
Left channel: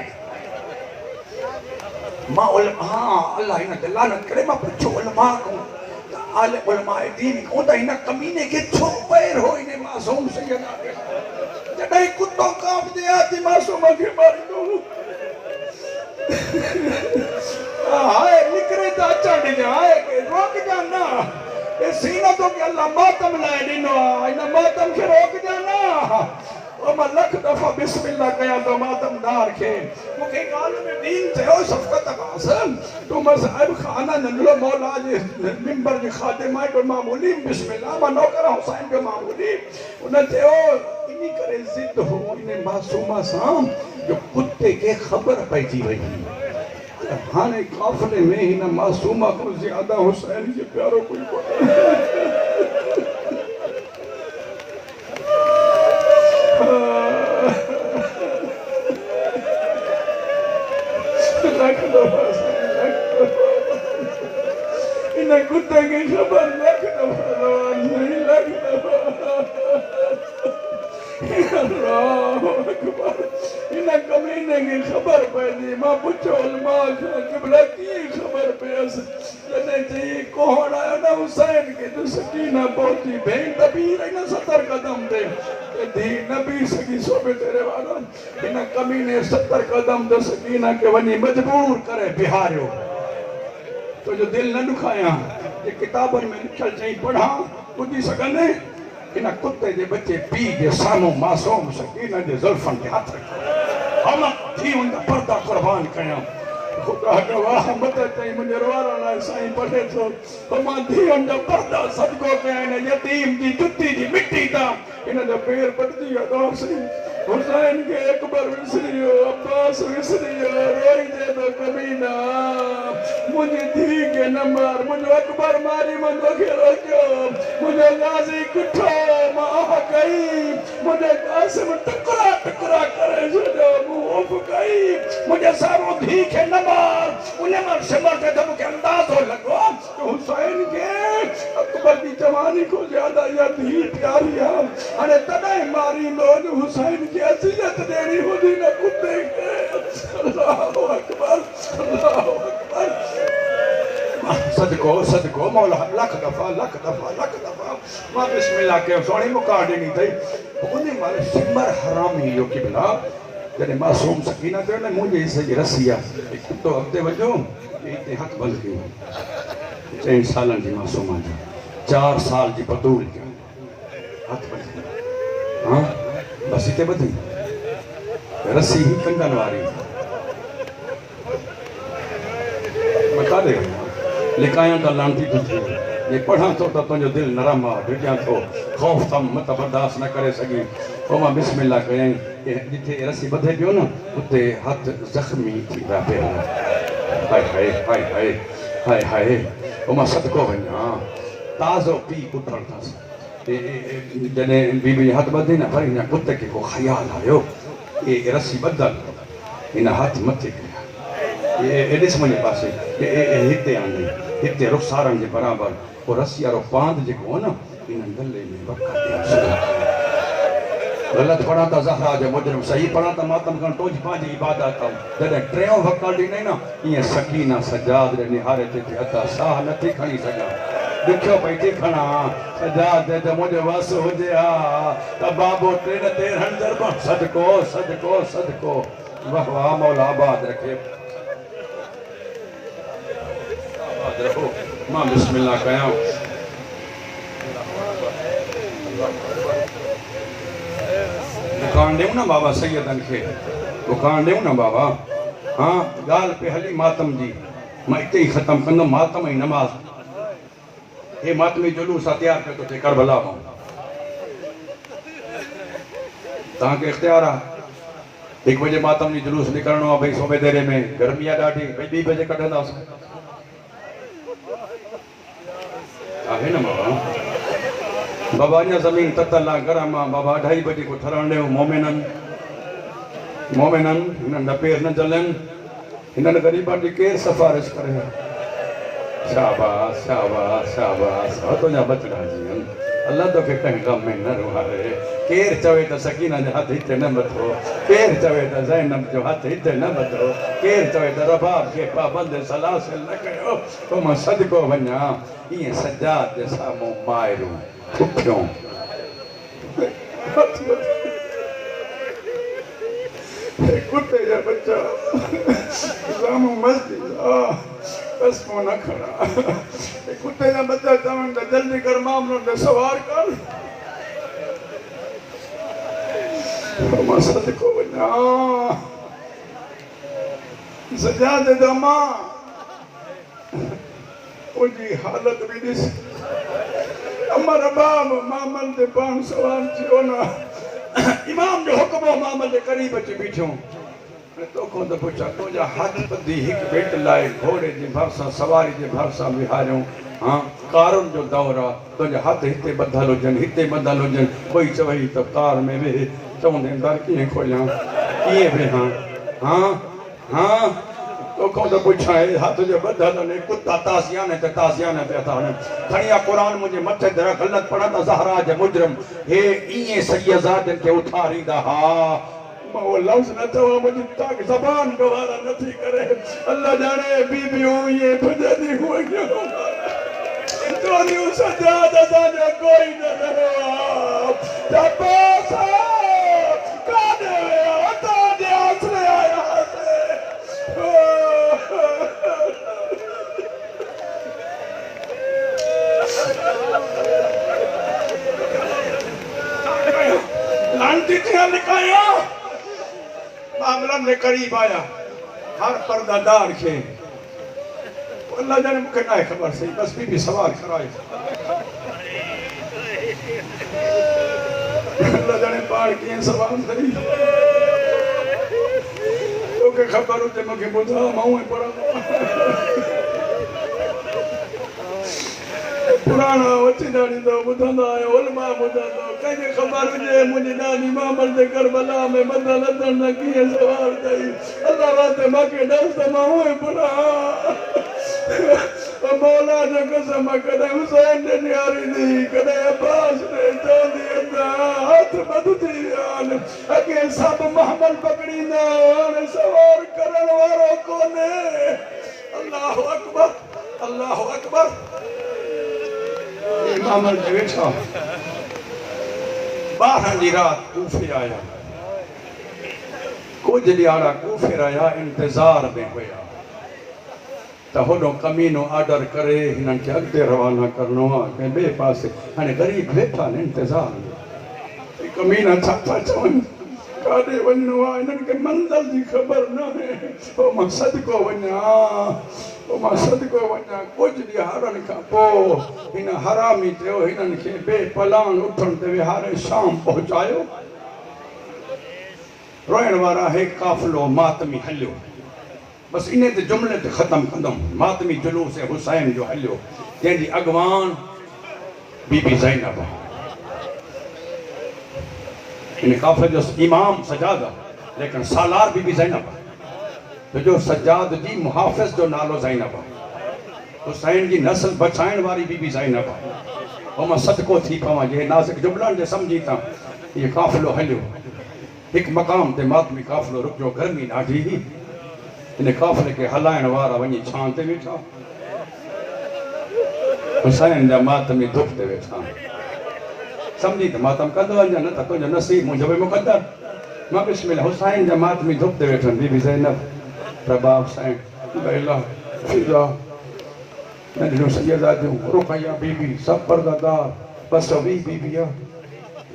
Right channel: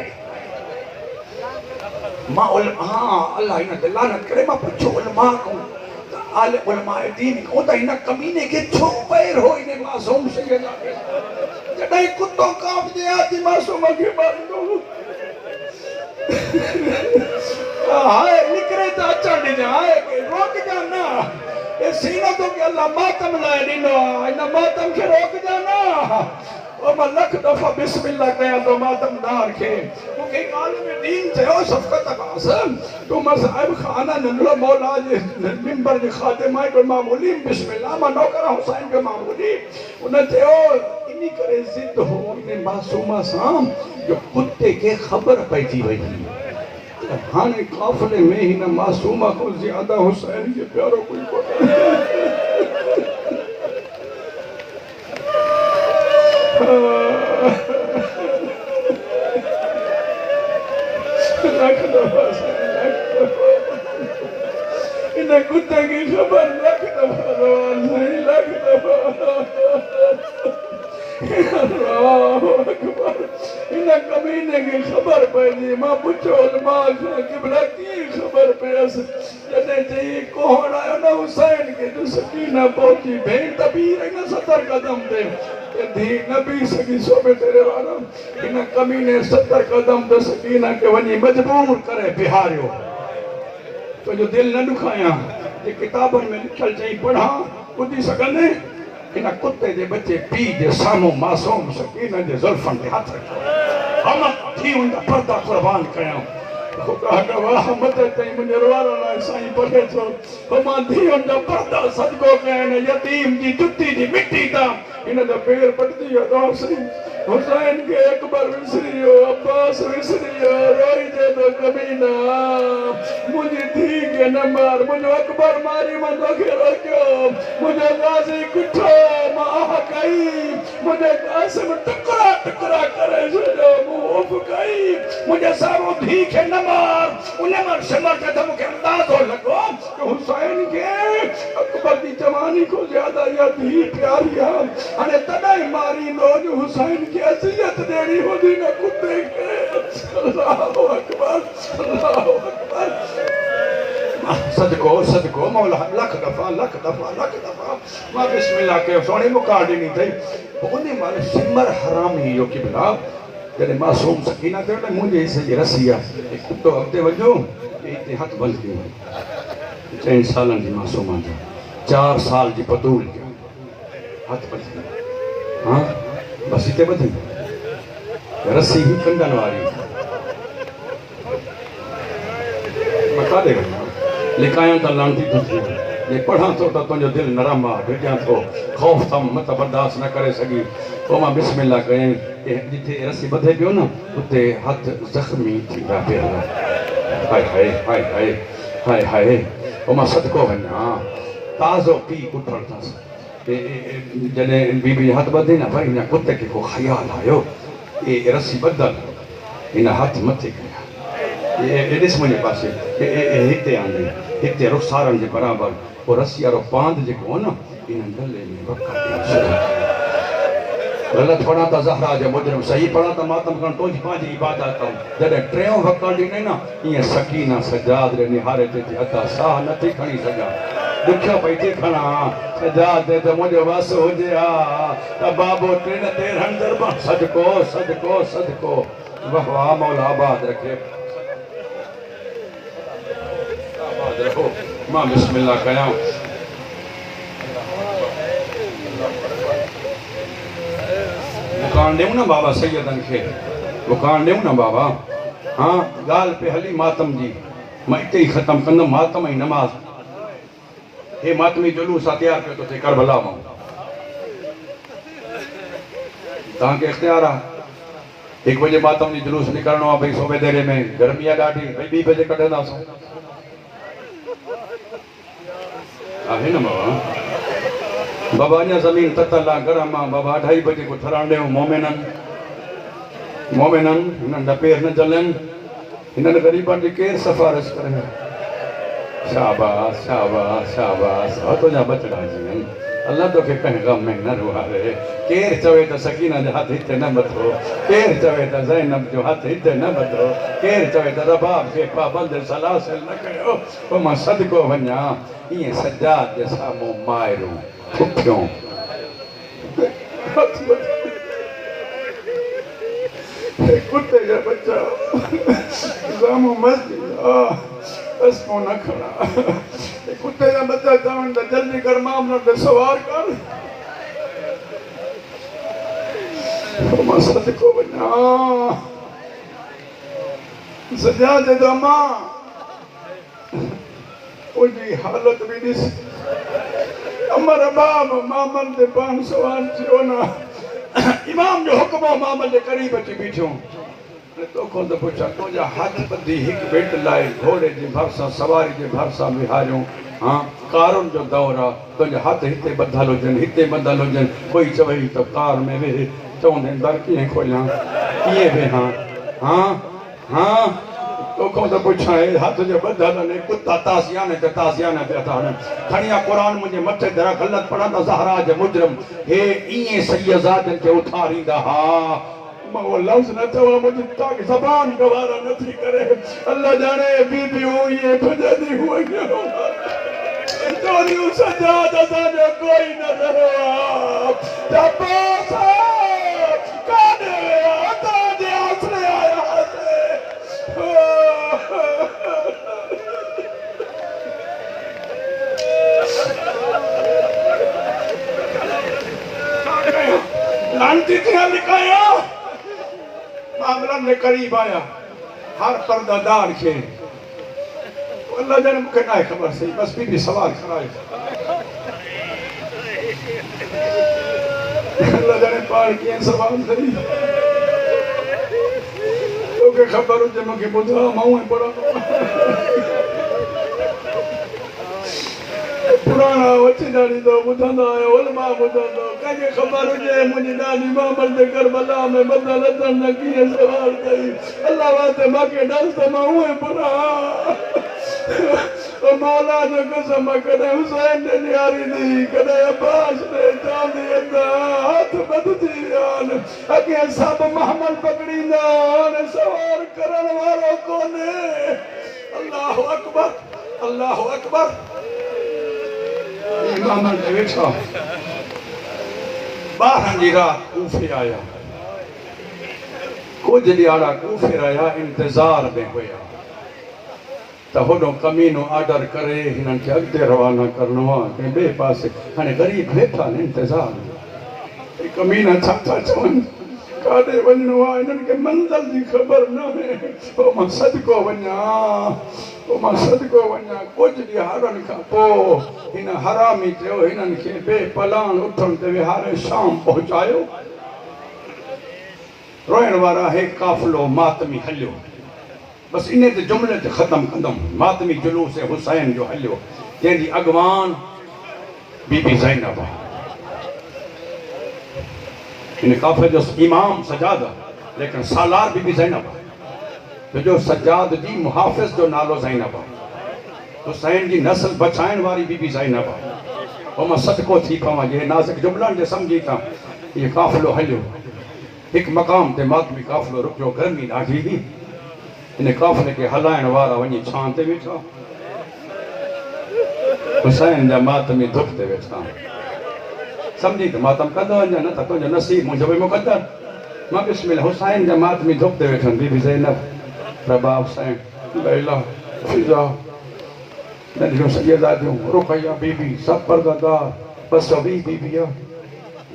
मां हां अल्लाह इन ते लानत करे मां पुछो उलमा को आले उलमा दीन को त इन कमीने के छो पैर हो इन मासूम सैयद जॾहिं कुत्तो कांप दे आती मासूम के मार दो हाय निकरे त अचण दी हाय के रोक जा ना ए सीनो तो के अल्लाह मातम लाए दिनो इन मातम से रोक जा ना ओ मां लख दफा बिस्मिल्लाह कया तो मातमदार के मुके काल में दीन चयो सफकत कासम तो मसाहिब खाना नंदलो मौला जे मिंबर जे खातिमा तो मामूली बिस्मिल्लाह मा नौकर हुसैन के मामूली उन चयो इनी करे जिद हो इन मासूमा साम जो कुत्ते के खबर पईजी वई हाने काफले में हिन मासूमा को ज्यादा हुसैन के प्यारो कोई कोन्हे इन कुत्ते की खबर लख दफा नहीं लख दफा इन कमीने की खबर पई मां पुछो उलमा खां किबला की खबर पयस जने जी कोहण आयो न हुसैन के जो सकीना पहुंची भेण तबीर इन 70 कदम ते धी नबी सकी सोबे तेरे वाला इन कमीने 70 कदम ते सकीना के वनी मजबूर करे बिहारियो तो जो दिल न दुखाया ये किताबों में लिखल चई पढ़ा ॿुधी सघंदे इन कुत्ते जे बच्चे पी जे साम्हूं मासूम सकीना जे ज़ुल्फन ते हथ रखो हम थी उनका पर्दा कुर्बान कया खुदा गवाह मत तई मुंहिंजो रोअण साईं पढ़े थो त मां धीअनि जा पर्दा सदको कया आहिनि यतीम जी जुती जी मिटी तां हिन जा पेर पटजी विया दोस्ती हुसैन के अकबर विसरियो अब्बास विसरियो रोई जे तो कमीना मुझे धी के न मार मुझे अकबर मारी मुझे के रोकियो मुझे गाजी किठो माह गई मुझे कासिम टकरा टकरा करे जो मुंह गई मुझे सारो धी के न मार उन्हें मर शमर के दम के अंदाज हो लगो कि हुसैन के अकबर की जवानी को ज्यादा या धी प्यारी है अरे तने मारी लो हुसैन की असलियत देनी होती न कुत्ते के अल्लाहु अकबर सदको सदको मौला लख दफा मां बिस्मिल्लाह के सोनी मुका देनी थई उन्हें मारे सिमर हराम ही यो की बना जने मासूम सकीना ते ने मुझे इसे ये रसिया एक कुत्तो अगते वजो इते हथ बंद की 3 सालन जी मासूम जो 4 साल जी पतूल के हथ बंद हां बस इते बधी रस्सी ही कंदन वारी बता दे लिखाया तो लांती थी ये पढ़ा तो तुझो दिल नरम आ भेटिया तो खौफ था मत बर्दाश्त न करे सगी तो मां बिस्मिल्लाह कयई जिथे रस्सी बधे पियो न उते हाथ जख्मी थी पिया पिया हाय हाय हाय हाय हाय हाय ओ मां सदको वञा ताज़ो पी उथड़ था जने बीबी हाथ बधे न भाई न कुत्ते के को ख्याल आयो ये रस्सी बदल इन हाथ मथे कया ये ॾिस मुंहिंजे पासे हिते आंदई हिते रुखसारनि जे बराबर वो रस्सी वारो पांद जेको हो न इन गले में गलत पढ़ा था ज़हरा जो मुजरिम सही पढ़ा था मातम कण तुझ पंहिंजी इबादत जॾहिं टियों वक़्तु ॾिनई न ईअं सकीना सजाद ॾे निहारे ते हथा साह नथी खणी सघां ॾुखियो पई थी खणा सजाद ते मुंहिंजो वस हुजे हा त बाबो 13 दरबार सदको सदको सदको वाह वाह मौला आबाद रखे आबाद रखो मां बिस्मिल्लाह कयां दुकान ॾियूं न बाबा सैयदनि खे दुकान ॾियूं न बाबा हाँ ॻाल्हि पे हली मातम जी मां हिते ई ख़तमु कंदुमि मातम ई नमाज़ हे मातमी जुलूस आहे तयारु पियो थो थिए करबला मां तव्हांखे इख़्तियार आहे 1 बजे मातम जी जुलूस निकिरणो आहे भई सोबे देरे में गर्मी आहे ॾाढी भई 2 बजे कढंदासीं आहे न बाबा बाबा अञा ज़मीन ततल आहे गरम आहे बाबा 2:30 बजे को ठहण ॾियूं मोमिननि हिननि जा पेर न जलनि हिननि ग़रीबनि जी केरु सिफारिश करे शाबाश शाबाश शाबाश तुंहिंजा बचड़ा जीवन अल्लाह तोखे कंहिं गम में न रुहारे केरु चवे त सकीना जो हथ हिते न मथो केरु चवे त ज़ैनब जो हथ हिते न मथो केरु चवे त रबाब खे पाबंद सलासिल न कयो पोइ मां सदको वञा ईअं सजाद जे साम्हूं माइरूं पुठियों कुत्ते जा बच्चा जामो मस्जिद बस को न खड़ा कुत्ते जा बच्चा चवन त जल्दी कर मामला पे सवार कर मां सदको वञा सजाद दमा ओजी हालत भी ॾिस अमर बाब मामल ते 500 थियो ना इमाम जो हुक्म मामल जे करीब अची बीठो तो को तो पुछा तो जा हाथ बंदी हिक बेट लाए घोड़े जे भरसा सवारी जे भरसा बिहारियो हां कारुन जो दौर आ तो जा हाथ हिते बदल होजन हिते बदल होजन कोई चवई तो कार में वे चौंदे दर की खोलिया किए वे हां हां तो को तो पुछा हाथ जो बदल ने कुत्ता तासियाने ते था खणिया कुरान मुझे मथे दर गलत पढ़ा त ज़हरा जे मुजरिम हे इए सैयदात के उठारीदा हा वो लफ्ज न तो मुझे तक ज़बान गवारा नथी करे अल्लाह जाने बीबियों ये भजनी हुई जोनी सजाद असांजो कोई न रहो तपस काने आता जे आसरे आया लांती थी लिखाया मामला ने करीब आया हर पर्दादार के अल्लाह जाने मुझे ना खबर सही बस बीबी सवाल कराए अल्लाह जाने पार के सवाल सही ओके खबर हो जब मुझे बुझा माऊं बड़ा पुराना वची डाली तो बुझंदा है उलमा बुझंदा कहीं खबर हुजे मुझी डाली मामल दे करबला में बदल अदन लगी है सवार कई अल्लाह वास्ते माके डल त माऊं बुरा ओ मौला जो कसम कदे हुसैन ने न्यारी दी कदे अब्बास ने चोंदी अंदा हाथ बदती आन अगे सब महमल पकड़ींदा और सवार करन वालो कोने अल्लाह अकबर अल्लाह अकबर इमाम ने वेठा बारह जी रात कूफे आया कुछ ॾियारा कूफे रहा इंतजार में हुआ तो होॾो कमीनो ऑर्डर करे हिननि खे अॻिते रवाना करिणो आहे कंहिं ॿिए पासे हाणे ग़रीब वेठा आहिनि इंतज़ार कमीना छा था चवनि काॾे वञिणो आहे हिननि खे मंज़िल जी ख़बर न आहे पोइ मां सदको वञा कुझु ॾियारनि खां पोइ हिन हरामी चयो हिननि खे बेपलान उथण ते विहारे शाम पहुचायो रोइण वारा हे काफ़िलो मातमी हलियो बस इन ते जुमले ते ख़त्म कंदम मातमी जुलूस हुसैन जो हलियो जंहिंजी अॻवान बीबी ज़ैनब इन काफ़िले जो इमाम सजाद आहे लेकिन सालार बीबी ज़ैनब आहे जो सजाद जी मुहाफ़िज़ जो नालो ज़ैनब आहे हुसैन जी नस्ल बचाइण वारी बीबी ज़ैनब आहे पोइ मां सदको थी पवां जे नाज़िक जुमलनि जे सम्झी था इहो काफ़िलो हलियो हिकु मक़ाम ते मातमी काफ़िलो रुकियो गर्मी ॾाढी हुई इन काफ़िले के हलाइण वारा वञी छां ते वेठा हुसैन जा मातमी धुप ते वेठा सम्झी त मातम कंदा वञा न त तुंहिंजो नसीब मुंहिंजो बि मुक़दर मां बिस्मिल्लाह हुसैन जा मातमी धुप ते वेठा बीबी ज़ैनब प्रभा हुसैन लैला फिजा नंढियूं सैयदादियूं रुक़ैया बीबी सब पर्दादार 220 बीबिया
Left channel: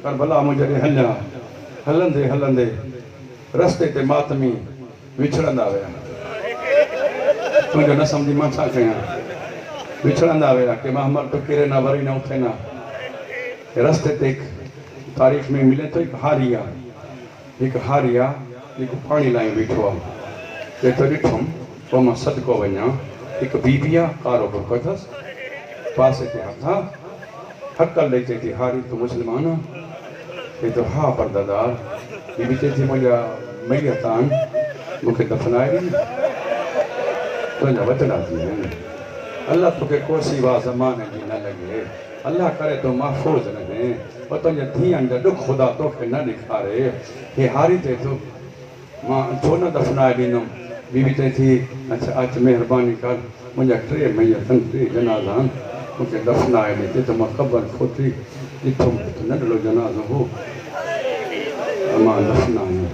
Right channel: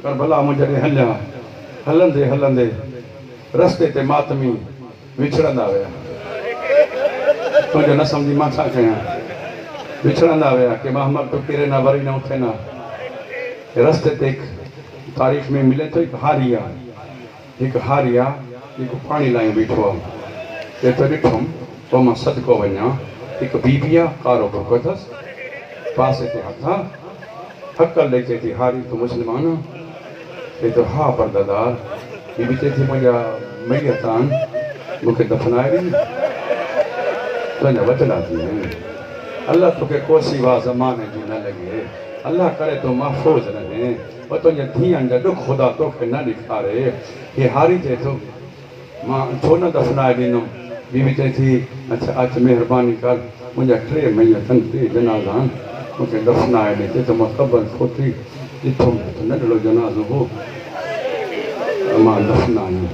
करबला मुंहिंजे हलिया हलंदे हलंदे रस्ते ते मातमी विछड़ंदा विया तुंहिंजो न सम्झी मां छा कयां विछड़ंदा विया के महमद तो किरे न वरी न उथे न रस्ते ते तारीख़ में मिले तो हिकु हारिया जेको पाणी लाइ बीठो आहे एतिरो ॾिठुमि पोइ मां सदको वञा हिकु बीबी आहे कारो बुर्को अथसि पासे ते हथां हक़ल ॾेई चए थी हारी तूं मुस्लमान आहे चए थो हा परदादार बीबी चए थी मुंहिंजा मैयत आहिनि मूंखे दफ़नाए ॾे तुंहिंजा वचला थी वञनि अल्लाह तोखे कोसी वाह ज़माने जी न लॻे अल्लाह करे तो महफ़ूज़ रहे और तुंहिंजे धीअनि जा ॾुख ख़ुदा तोखे न ॾेखारे हे हारी चए थो मां छो न दफ़नाए ॾींदुमि बीबी चए थी अच्छा अच महिरबानी कर मुंहिंजा 3 मैयत आहिनि 3 जनाज़ा आहिनि मूंखे दफ़नाए ॾे चए थो मां ख़बर खोटी ॾिठो नंढड़ो जनाज़ो हो मां दफ़नायो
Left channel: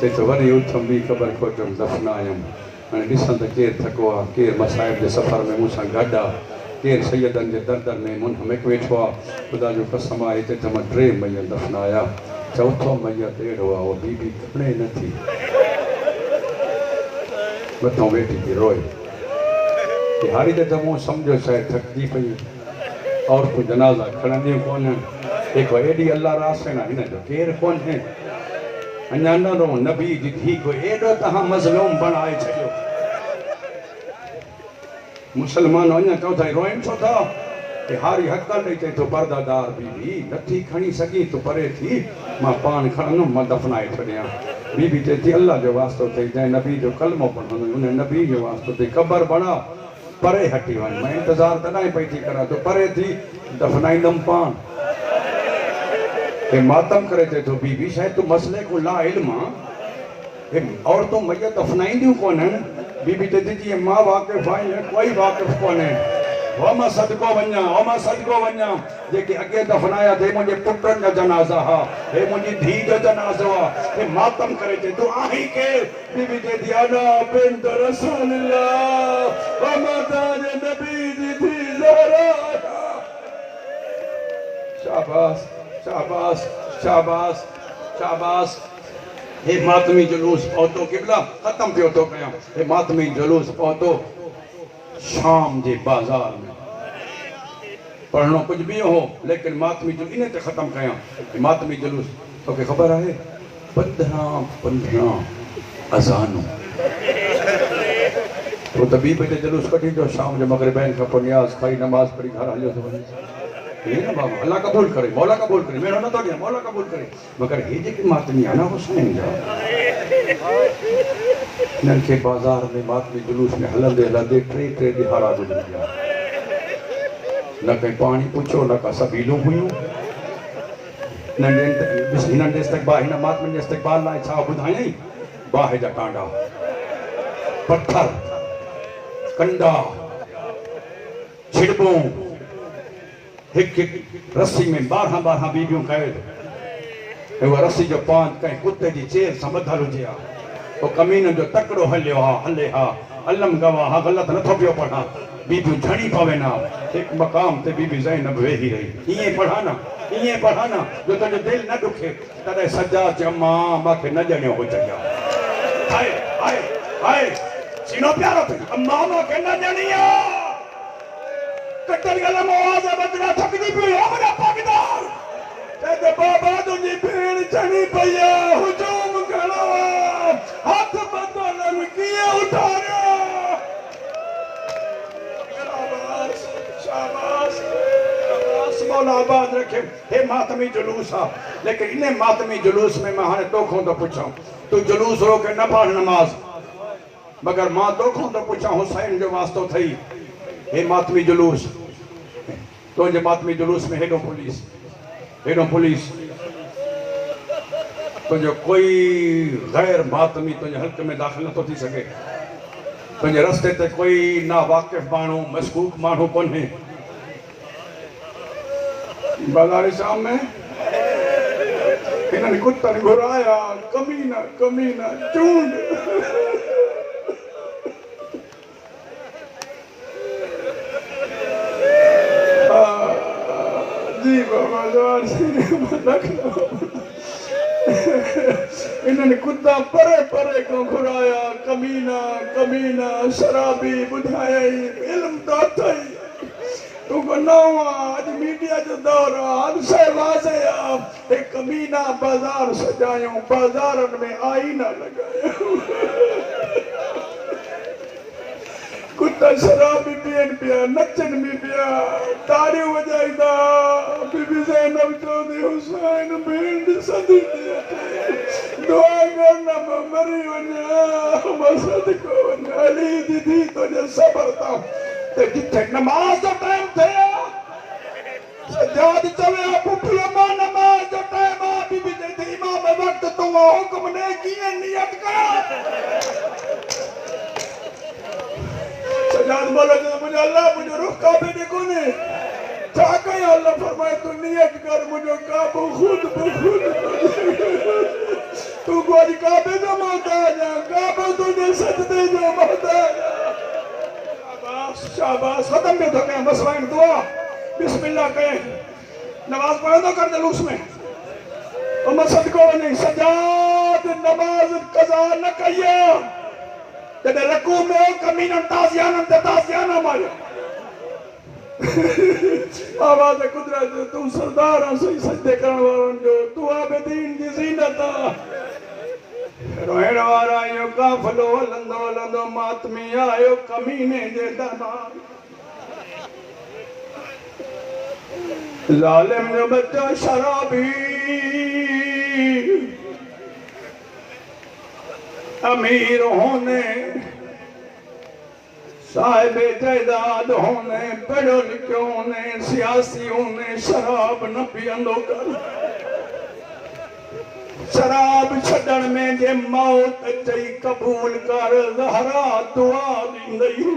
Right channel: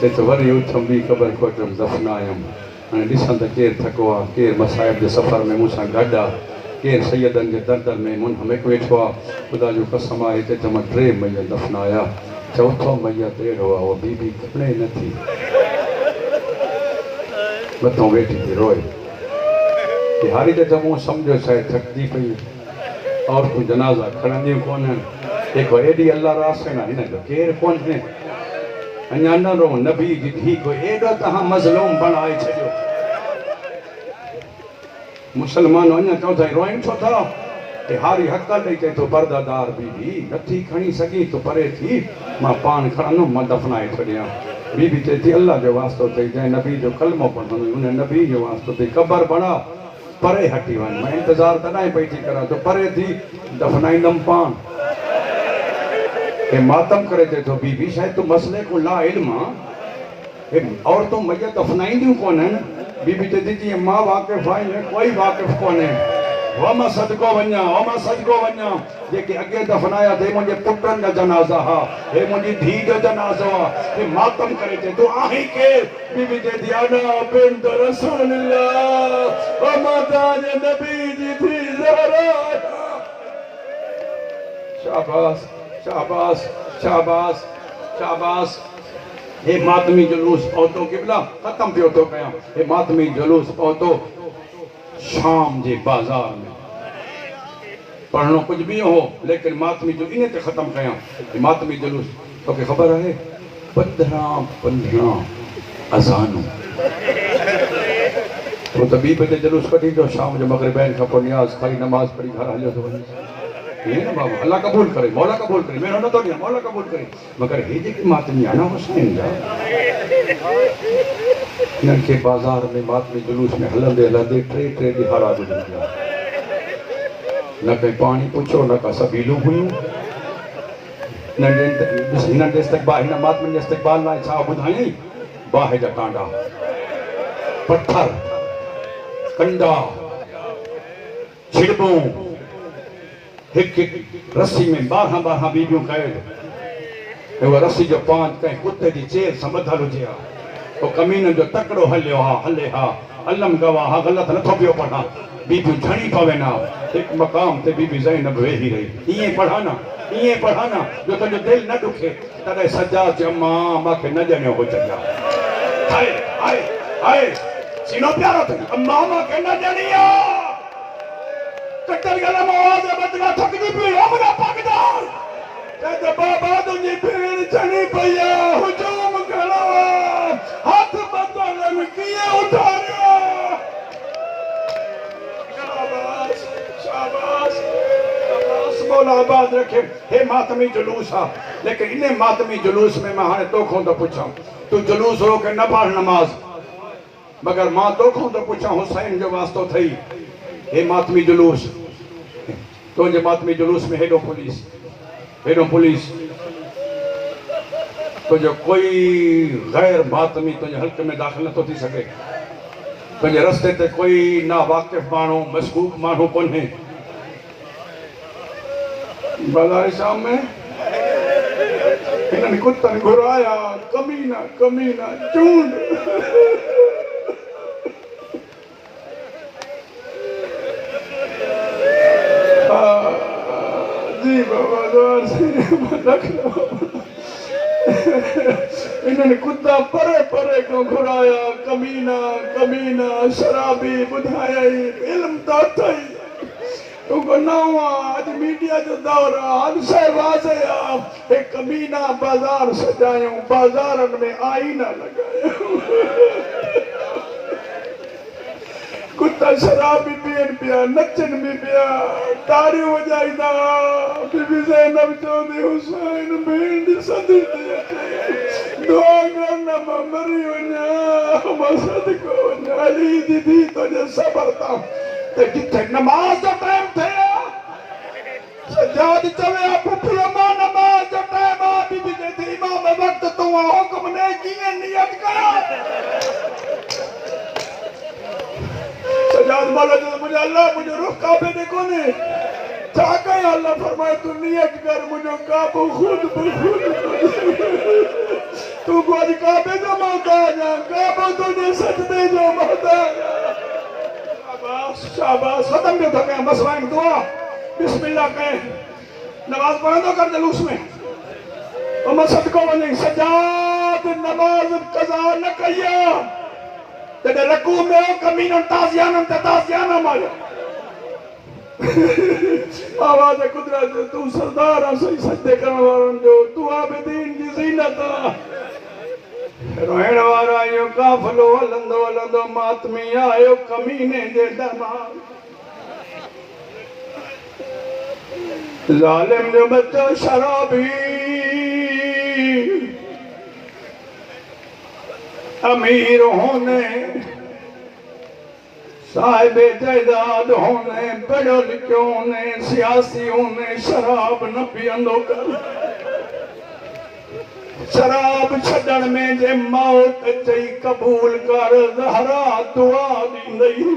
चए थो वरी उथमि ॿी ख़बर खोटमि दफ़नायुमि हाणे ॾिसां त केरु थको आहे केरु मसाइब जे सफ़र में मूंसां गॾु आहे केरु सैयदनि जे दर में मुनहमिक वेठो आहे ख़ुदा जो कसम आहे हिते त मां 3 मैयत दफ़नाया चौथो मैयत अहिड़ो आहे उहा बीबी खणे नथी मथां वेठी थी रोए हारी त चङो सम्झो शायदि थकिजी पई औरतूं जनाज़ा खणंदियूं कोन्हनि जेको एॾी अल्लाह रासन आहे हिन जो केरु कोन्हे अञा न रो नबी जी धीउ को एॾो तव्हां मज़लूम बणाए छॾियो मुसलमान अञा चओ था रोइनि छो था कि हारी हक़ ॾेई चए थो पर्दादार बीबी नथी खणी सघी तो परे थी मां पाण खणंदुमि मां दफ़नाए छॾियां बीबी चए थी अल्लाह जो वास्तो अथई जंहिं नबी जो कलमो पढ़ंदो उन नबी जो वास्तो अथई ख़बर बणा परे हटी वञ मैं इंतज़ार तॾहिं पई थी करां तो परे थी दफ़नाईंदुमि पाण हे मातम करे चए थो बीबी शायदि तूं मसइले को ला इल्म आहे औरतूं मैयत दफ़नाईंदियूं कोन्हनि बीबी चए थी जीअं मां वाक़िफ़ आहियां कोई वाक़िफ़ कोन्हे हो मां सदको वञा जेके अॻे दफ़नाया थे मुंहिंजे पुटनि जा जनाज़ा हा हे मुंहिंजी धीउ जो जनाज़ो आहे हे मातम करे चए तूं आहीं केरु बीबी चए थी अना बिन्त रसूलिल्लाह ओ माता जे नबी जी धीउ ज़हरा शाबाश शाबाश शाबाश शाबाश हे मातमी जुलूस पहुतो किबला खत्म थियो तो कया हे मातमी जुलूस पहुतो शाम जे बाजार में पढ़नो कुछ भी हो लेकिन मातमी जुलूस इन्हें ते खत्म कया हे मातमी जुलूस तो के खबर है 15 अज़ानों तो तभी पे जुलूस कटी जो शाम जो मगरिबैन का नियाज खाई नमाज पढ़ी घर हलियो तो वञी ये ना बाबा अल्लाह कबूल करे मौला कबूल करे मैं न तो गया मौला कबूल करे मगर हे जे की मातमी है ना हुसैन जा इन्हनि के बाजार में मातमी जुलूस में हलंदे हलंदे टे दिहाड़ा गुजरी गया न कहीं पानी पूछो न का सबीलू हुयूं हिननि इस्तक़बाल हिन मातमी इस्तक़बाल लाइ छा ॿुधायईं बाहि जा कांडा पत्थर कंडा छिड़बूं हिक रस्सी में 12 बीबियूं कैद वो रस्सी जो पांच कहीं कुत्ते जी चेर सां ॿधल हुजे हा वो कमीन जो तकड़ो हलियो हा हले हा अलम गवाह हा गलत नथो पियो पढ़ा बीबियूं झड़ी पवे ना एक मकाम ते बीबी ज़ैनब वेही रही इएं पढ़ा ना जो तुंहिंजो दिल न दुखे तॾहिं सजा चयो मां मूंखे न ॼणियो हो चङा हाय हाय हाय सीनो प्यारो अथई अम्मा मूंखे न ॼणी आहे कटल गलम आवाज़ बदला थकजी पियो हमरा पागदार ते बाबा तुंहिंजी भेण चणी पई आहे हुजूम करो हथ बदलनि कीअं उठारियो मौला आबाद रखे हे मातमी जुलूस हा लेकिन इन्हें मातमी जुलूस में मैं हाणे तोखों तो पुछां तू जुलूस रोके न पढ़ नमाज मगर मां तोखों तो पुछां हुसैन जो वास्तो थई हे मातमी जुलूस तुझे मातमी जुलूस में हेडो पुलिस तुझो कोई गैर मातमी तुझे हल्के में दाखिल न तो थी सके तुझे रस्ते ते कोई ना वाकिफ माण्हू मशकूक माण्हू कोन्हे बाजार शाम में इन्हनि कुत्तनि घुराया कमीना चूंड जी बाबा जोर से रख लो इन्हनि कुत्ता परे को घुराया कमीना शराबी ॿुधायई इल्म त अथई तू बनावा आज मीडिया जो दौर हर शइ वाज़े आहे एक कमीना बाजार सजायूं बाजारनि में आईना लगायूं कुत्ता शराब भी पियनि पिया नचनि भी पिया ताड़ियूं वॼाईंदा बीबी ज़ैनब चवंदी हुसैन भेण ॾिसंदी दुआ में न मरी वञा मसद को वञा अली दीदी तुंहिंजे सबर तां ते जिथे नमाज जो टाइम थे सजाद चवे पुठियो मां नमाज जो टाइम आ बीबी जे थी इमाम वक्त तो हुक्म ने कीअं नियत कया सजाद बोले मुझे अल्लाह मुझे रुख काबे दे कोने छा कया अल्लाह फरमाए तू नियत कर मुझे काबो खुद तू कोई काबे जो मोहताज काबो तुझे सजदे जो मोहताज शाबाश खत्म भी होता है बस वाइन दुआ बिस्मिल्लाह कहे नमाज पढ़ो तो कर जुलूस में तो मसद को वही सजाद नमाज कज़ा न कया जॾहिं रकू में कमीननि ताज़ियाना मारिया आवाज़ कुदरत तू सरदार आहे सही सजदे करण वारनि जो तू आबिदीन जी ज़ीनत रोइण वारा इहो काफ़िलो हलंदो मातमी आयो कमीने जे दरबार ज़ालिम जो बच्चो शराबी अमीर होने साहिब जायदाद होने पढ़ो लिखो होने सियासी होने शराब न पियंदो कर शराब छड़न में जे मौत चई कबूल कर ज़हरा दुआ ॾींदई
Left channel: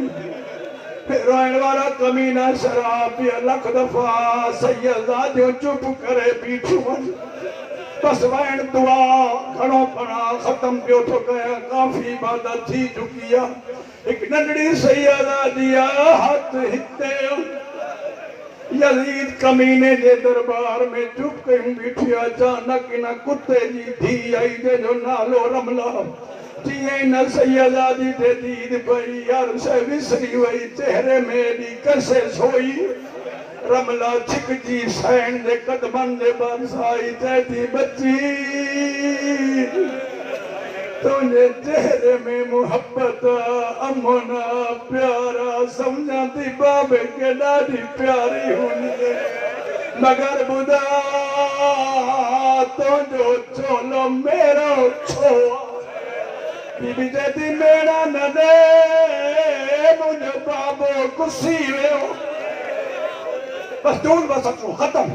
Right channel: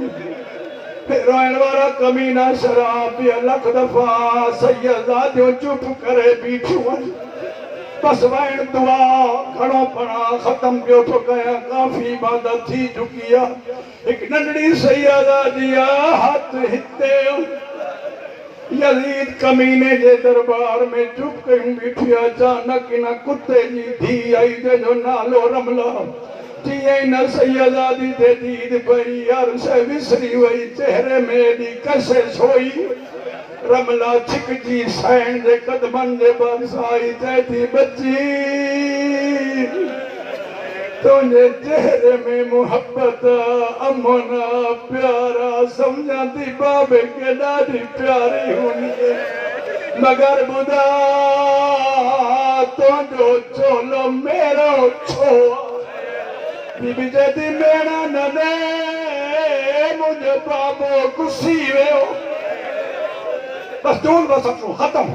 रोइण वारा कमीना शराब पिया लख दफ़ा सैयदा जो चुप करे बीठो बस वैण दुआ खड़ो पड़ा खत्म पियो तो कया काफ़ी इबादत थी चुकी आहे एक नंढड़ी सैयदा दिया हाथ हिते यजीद कमीने जे दरबार में चुप कहीं बीठी अचानक इन कुत्ते जी धी आई जो नालो रमला जिए न सैयदादी दे दीद पई यार से विसरी वई चेहरे में दी कसे सोई रमला छिक जी सैन जे कदमन जे बरसाई चैती बच्ची तुझे चेहरे में मोहब्बत अमन प्यारा समझाती बाबे के ॾाढी प्यारी हुई मगर बुधा तुझो चोलो मेरो छो बीबी जदी मेरा न दे मुझे बाबो गुस्सी वियो बस दूर बस खत्म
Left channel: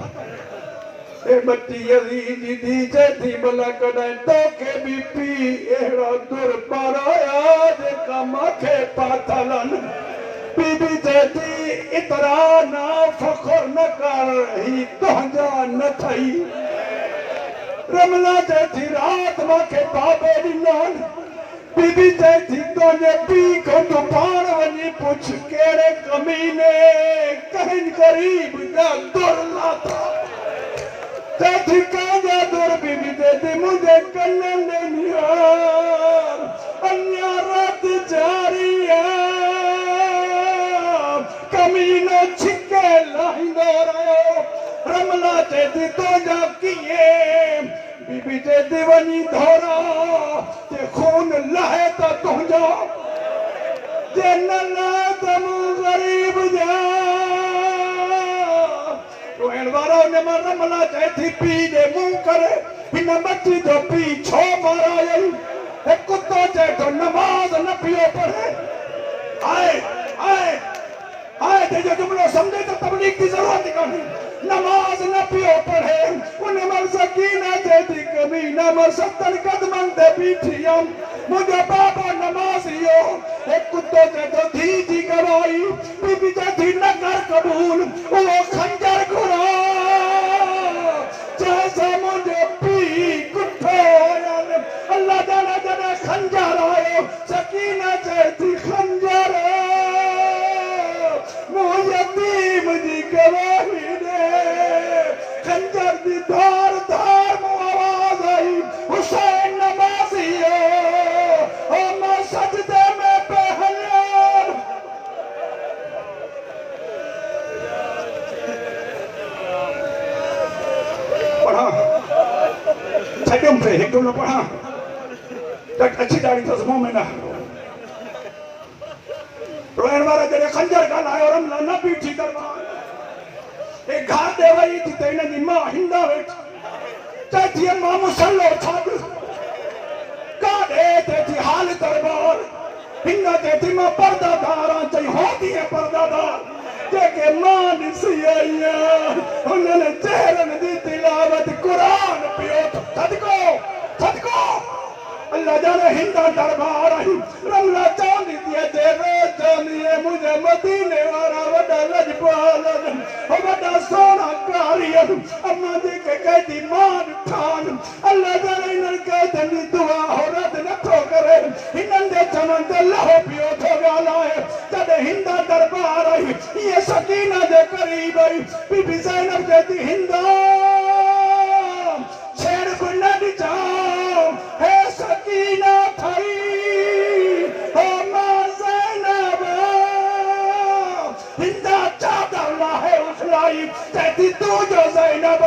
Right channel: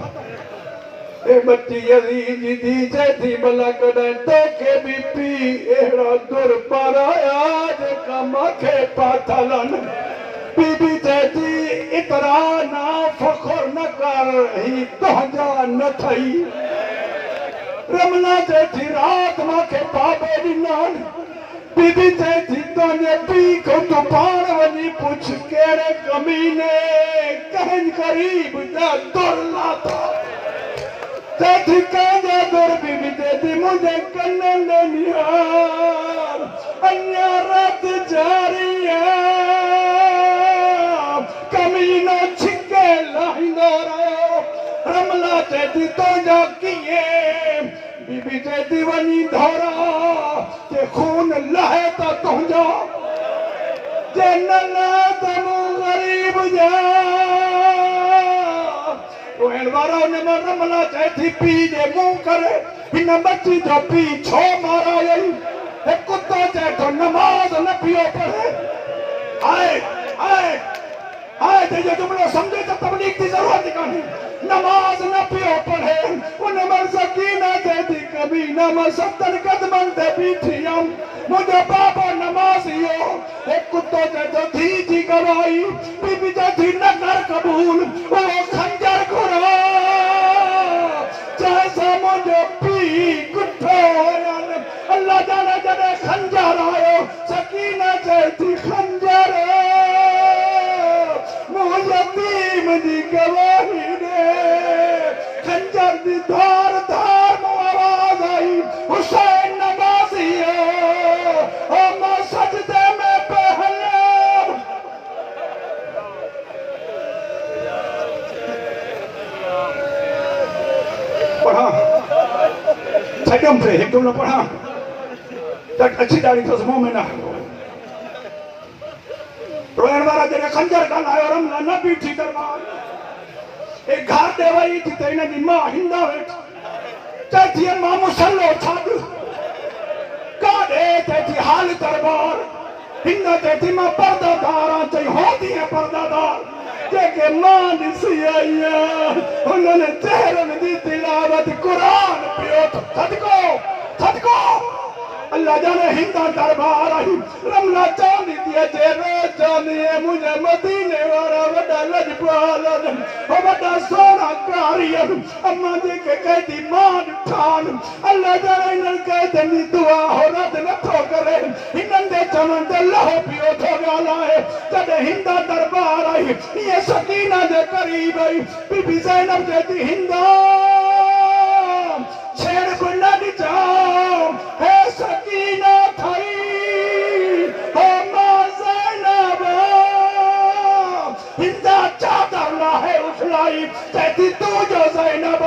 बच्ची यजीद दी चैथी भला कॾहिं तोखे बि पी अहिड़ा दुर पाराया जेका मूंखे पाथलनि बीबी चैथी इतरा ना फ़ख्र न कर ही तुंहिंजा न थई रमला चैथी रात मूंखे पापे ॾिननि बीबी चैथी तुंहिंजे पीउ खां तूं पाण वञी पुछ कहिड़े कमीने कंहिं ग़रीब जा दुर लाथा चैथी कांजा दुर बीबी चैथी मुझे कन्नन दे निहार अन्या रात जारी कमीनो छिके लाहींदो रहियो रमला चैथी तुंहिंजा कीअं बीबी चैथी वञी धोरा जे खून लहे त तुंहिंजो जे न लहे त मूं ग़रीब जा रमला चैथी पी जे मुंह करे हिन बच्ची जो पी छो मारायई कुत्तो चए तो नमाज न पियो पढ़े हाय हाय हाय जो जुमलो समझे तो तबलीग की जरूरत ही कोन्हे नमाज न पियो पढ़े उन मर सकीना चैथी कमीना मां 70 कदमनि ते बीठी हुयमि मुंहिंजो बाबो नमाज़ियो एक कुत्तो चए तो धी जी गवाही बीबी चैथी न कर कबूल उहो खंजर घुरा जैसा मुझे पी कुठो अल्लाह जाने जॾहिं खंजर आयो सकीना चैथी खंजर मुंहिं यतीम जी गवाही ॾे खंजर जी धार धार मूं आवाज़ आई हुसैन नमाज़ी मां सजदे में पे हलियमि पढ़ा छॾियमि थे हिकु न पढ़ा अच्छी ॾाढी अथसि मुंहुं में न रोइण वारा जॾहिं खंजर ॻाल्हायो रमला न बीठी दरबार घर ॾे वई थी त हिन जी मां हिंदा वेठी चैथी मां मुसलो छॾ काॾे चैथी हाल दरबार हिन चैथी मां परदादार आहियां चई हो तीअं परदादार जेके मां ॾिसी आई हुननि चेहरनि जी तिलावत क़ुरान पियो सदको सदको अल्लाह जाने हिंदा दरबार आई रमला चांदी थी अचे रोज़ चवंदी मुंहिंजे मदीने वारा वॾा लजपाल हो वॾा सोना कारी अम्मा जेके कहती मां ॾिठान अल्लाह जाने हिननि कहतनि दुआ हो रद नथो करे हिननि जे चवण ते लहो पियो थो ॻाल्हाए तॾहिं हिंदा दरबार आई इहे सकीना जे करीब आई बीबी ज़ैनब चएती हिंदा छेड़ को न ॾिजां हे सकीना थई हो मां ज़ैनब हिंदा चादर लाहे उछलाई चएती तू जो ज़ैनब